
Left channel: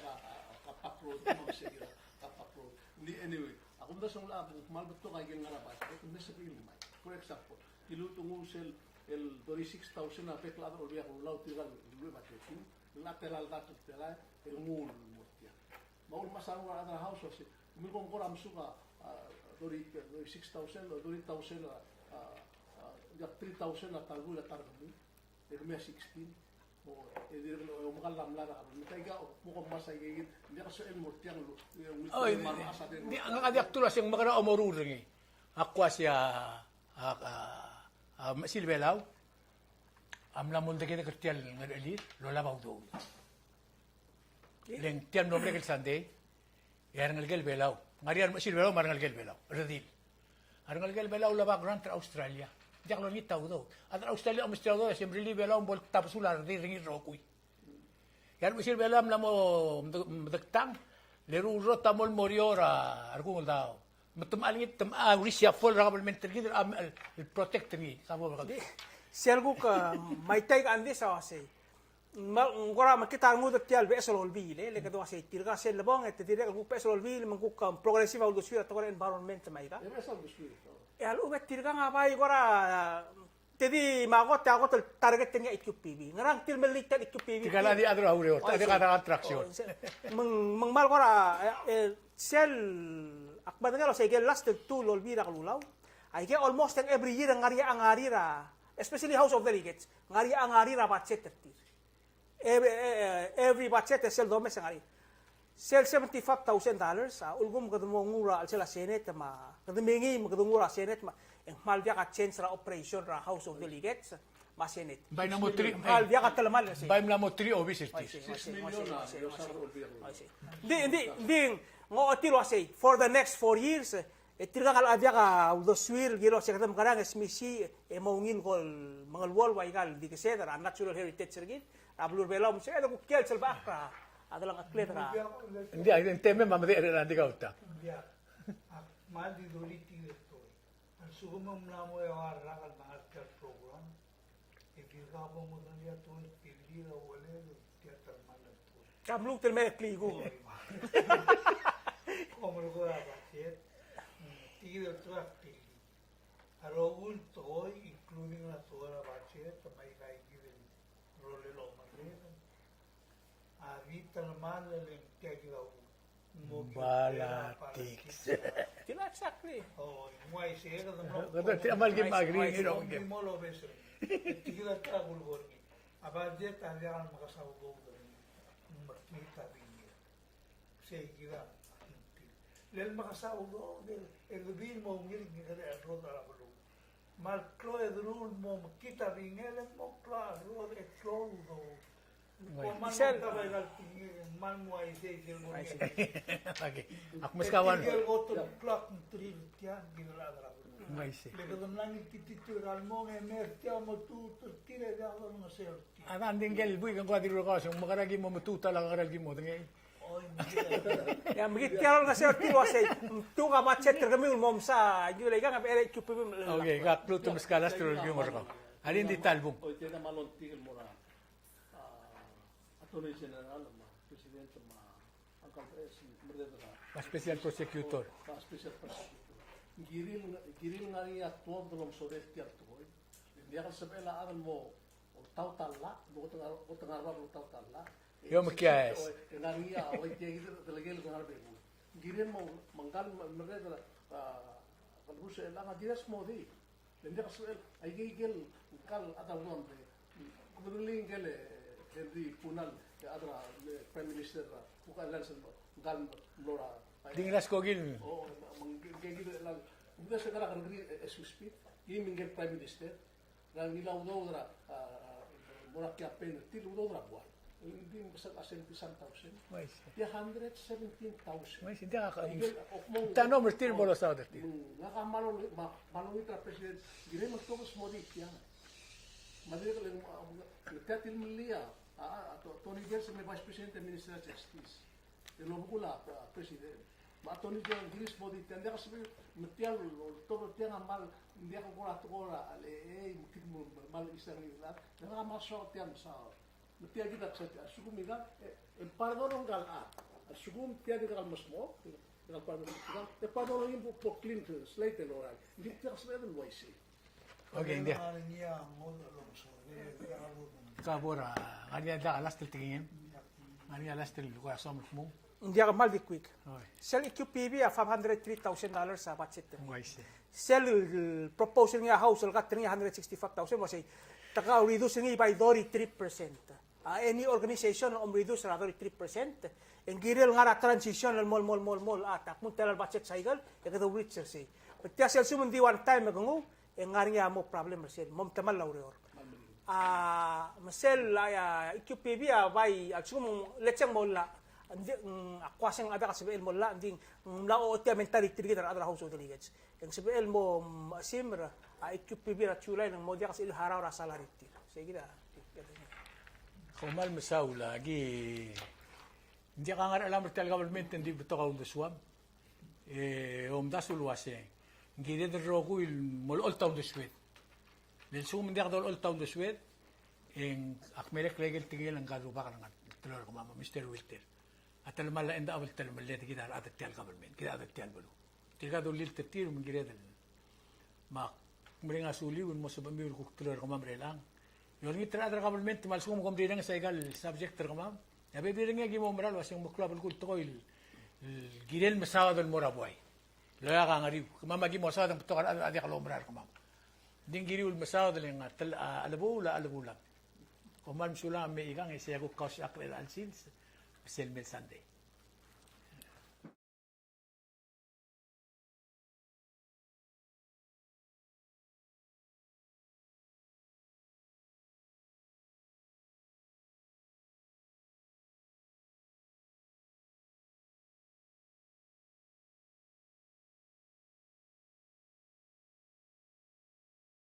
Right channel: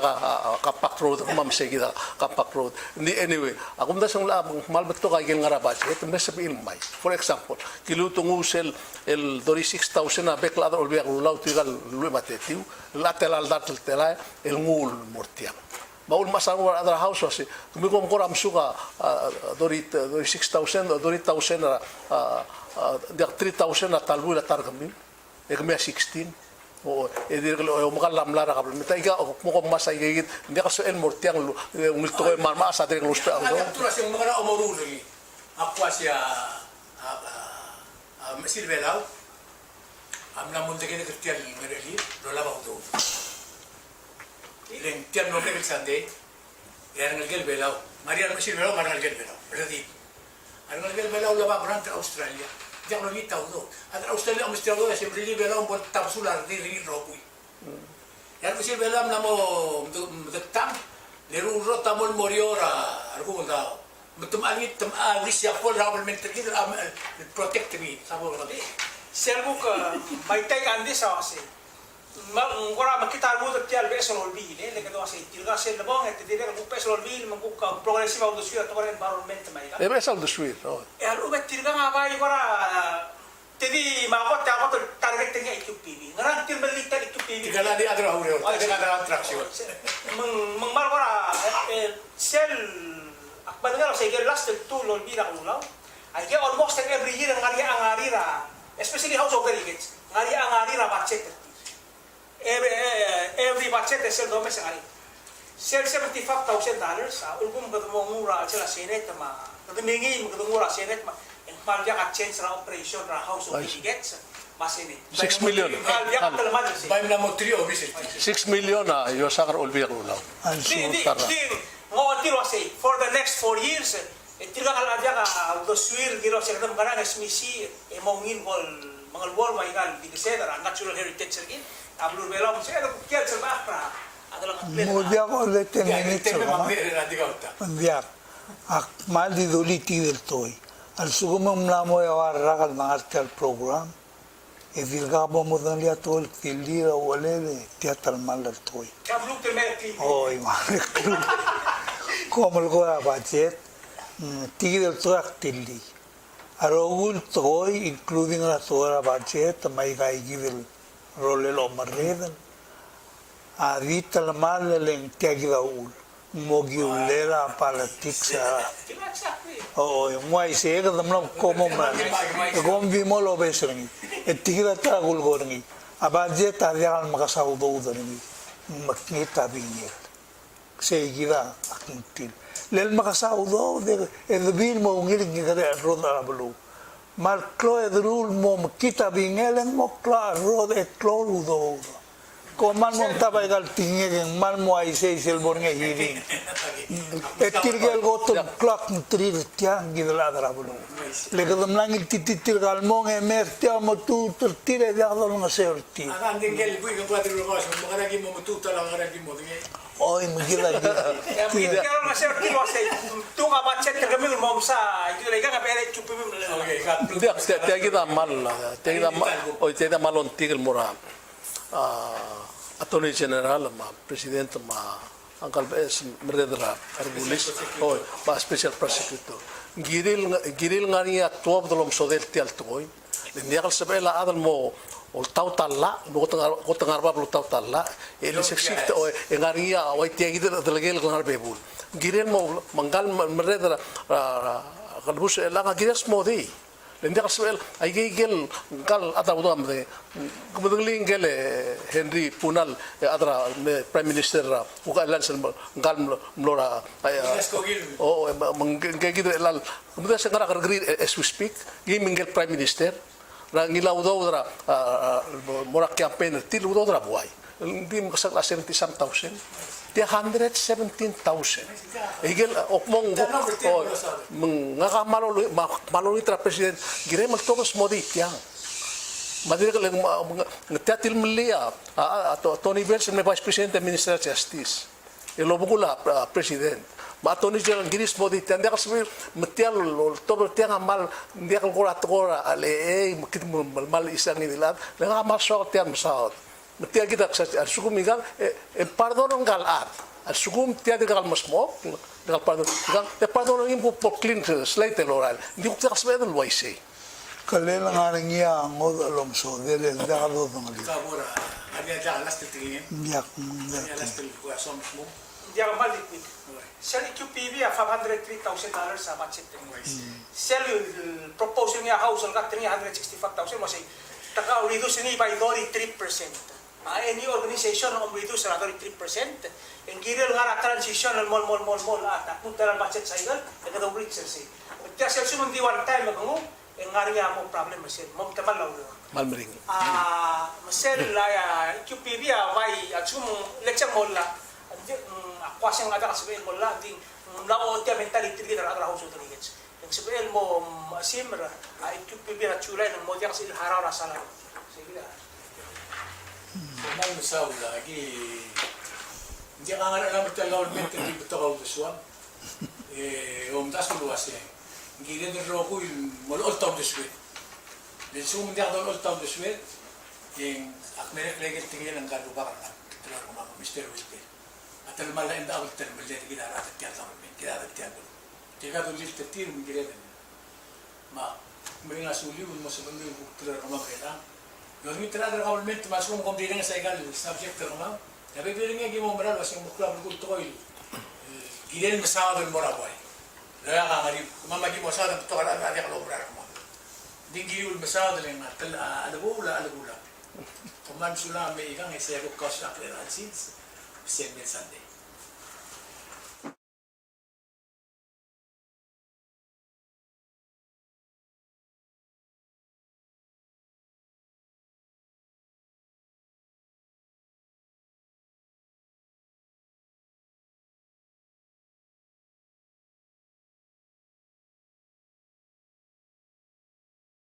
kapak road mam segida kapak road anyway akum da song la mal beto ka gel ngarabat et mes bil mai for example kilutung usel el 6,000 a bekla ol biak lulau tigal lu matetiu latel al datel tela el ngul mortiam baul masang ada house asi kumi kom koram suka 6,000 dia 3,000 talbu la targamil ekme 16 o edir o magalam lara kabel mitaiga o mo kom masay gigit dia kaso el mortiang ngul to marma sa dire ngul sta ada tu nasi magara omorul ni aku asia mesil belau amna munte que cristian mereli lo lava do len tian no me sande ya ngal gel belau maria mesil belau maral gel belau berarti ngal gel belau lava brand Australia dia lo vita do ada Australia do sempre li belau bol tapsular di ri ropui ya mesil belau namo detam leru rota mol moriora argu dao betum ali tem wis ya pol realmente el protect me sabo berarti Selgo ka may tay andi sa kasi. Ngora makita mo tial beso olbi le que do asi tilga sel bon et dire que beso olbi magbuka progressive au dessus to environment mai ka. e besal de suir E alu bet tilga ngaba ngora tedi magot ta got target nga IQPB. Ngarang til melita IQPB. tigala di adra hure ada attraction Mengmal ngora sel akbadga sa gelas tu olbi ra kulau. I get almost every year ngari ra especially House of Delegates, ngari ra budget. Every budget is sel mes ngari. Sel $75,000. Ulgum kadumura sila Senate ma. Kadumingi kadumura Senate ma. Mal dia ka change ra operation ra House of Delegates. Masini. 6 million Mal dia ka talamal si. bay na mo trio visit 6 million yo sakar olbi rulau Di ngawatir wasi for the next 4 years itilang al avya ka do suir giro sa kanang kanang smisi emongin kol mga wall wa igal di kasi natural heritage sergin ablur bela mo siya ko kier sa bakra adalang atlet Mudia ko le tenenit teme sa magde randi kauta Mandiar. Mal di doliti del toy. Al sugumam namo ya ragal mangartel program. E vilgabo mo dan lia tol tilira walele teatral mal del toy. ablur ke me clean Oy, man. Como el goa budget. Tigil truck tilli. Arogul toy including la tora budget mai gai givil role lo marredan. Adita la mal len tiagila ul. mogiulera politics sa oo yung wai se ga damna komo ma kom vi mo lo besrengi etikira ta gul gorngi abaje ta ya makasau do udani makita bingel se gira akintil lel makasau do de edbil mo ngiling ngare roda blu mar klo edrul mo makita bingel mo kla roda klo udo ko man mo tabay gal tingeng man mo ay se selbor nge hiring etirgel goto clock tri tiang gidla darabulu le gadam lang tititir gal mo nge mertia mo tu tire da dal nga serti Ang anding gel bui kang kuadro ko sa mga lagi mo mututa lang ang mo ngi. oy magila Kalau nggak saya kira saya tu nggak baca tergamil mau sa itu lagi kan bere cukup Okay, kat. Tiya kita mal, tiya malon tigil mura. Attorney General, Presidente, Uncle BS, Merdera, Argulis, Special Prosecutor. Giril nga niya tuwab dalom sodel tiyal tukoy. Hindi akal sabela adal mo o tau talla, ko tangarba blu tau talla. Eli seksik o nga niya o tiya gidil dalagel ngar bebul. Giril mo manggal Merdera kalbus la nga giras mo di. Hindi akal sabela ay gigil kal ataw do amde. Kumudling gel Henry Punal adra Prime Minister uka lan sel ngal mlora oh mangigid elal kumudra sa ngara agree as we speak gimingel Prime Minister na ngilaw do dra mora campaign til do dra buay hindi mo kasal 70,000 dia 117,000 igel okmong nga malolo tra president gire magtogos modi yang Madira ka lang ngatiatil maliya Tony Benson may Vice President ng Minister of Justice ilobugula President ma Tony General giris mo dito hindi ka sabi matial tobo tiang amal hindi ka kura ale makit mo mal isang nilad nga amal so tiang masaot matial kita sa sugum igang pardon ng galat at sugum tiang gal masmo gal pardon ng po clean slate oral hindi ko kita sabi ng wise kalela nga niya ngod alom so dele da do ngali Kabura, ani ada alas tingin. yak Ani alas tingin ko somos mo. Hindi ako mal liquid. Sell EQPV $503,000 sa budget. Sell proposal niya house got $365,000 mo say taka reduce ni by 33%. Any organization on reduce na 33%. And giril nga na transition mall at mutal budget sa igal kada richer say. Kaya sel sumun di one time magungo nga niya mo problem masir mom tamal law malmering masel la QPB vai atsum leksang molla andi akwasang ada kasbel molla ding law otia mentality din ada house of rights ang sabel mo simra QPB ra chulay ng modya kasi ilharaw ra sala sige na Kumain sa lagi. Hindi ka nga alam ito government hindi ito ka uswam. Das luwas yan. Gila din roko yung malol taw deswet. Then sumindi ako malol taw deswet. Yung akmerek legel tingin ang galo bakal na. Tulad ko mga Mr. Wilte. At alam mala enda ako tel malde gila at tiyan sa mga gila at tiyan. Tiga do lil tetir mi gila din. Ma may nga suli un masubang ko tulad ko mga bela. Yung tira ng government masum kung bilang sa igal subject ko mga. Yabi bilang nga gimo maral was yung mukla ko toil. Gila masawa dun mora boy. Laya ka nga rin, kumamagi mo sa atin, ito ka lang, adi ka lobrar ko mo. Hindi giliwil masada lang, alagula. Kumansula may ikang, siya ko kaos akliran since, 7 Sunday.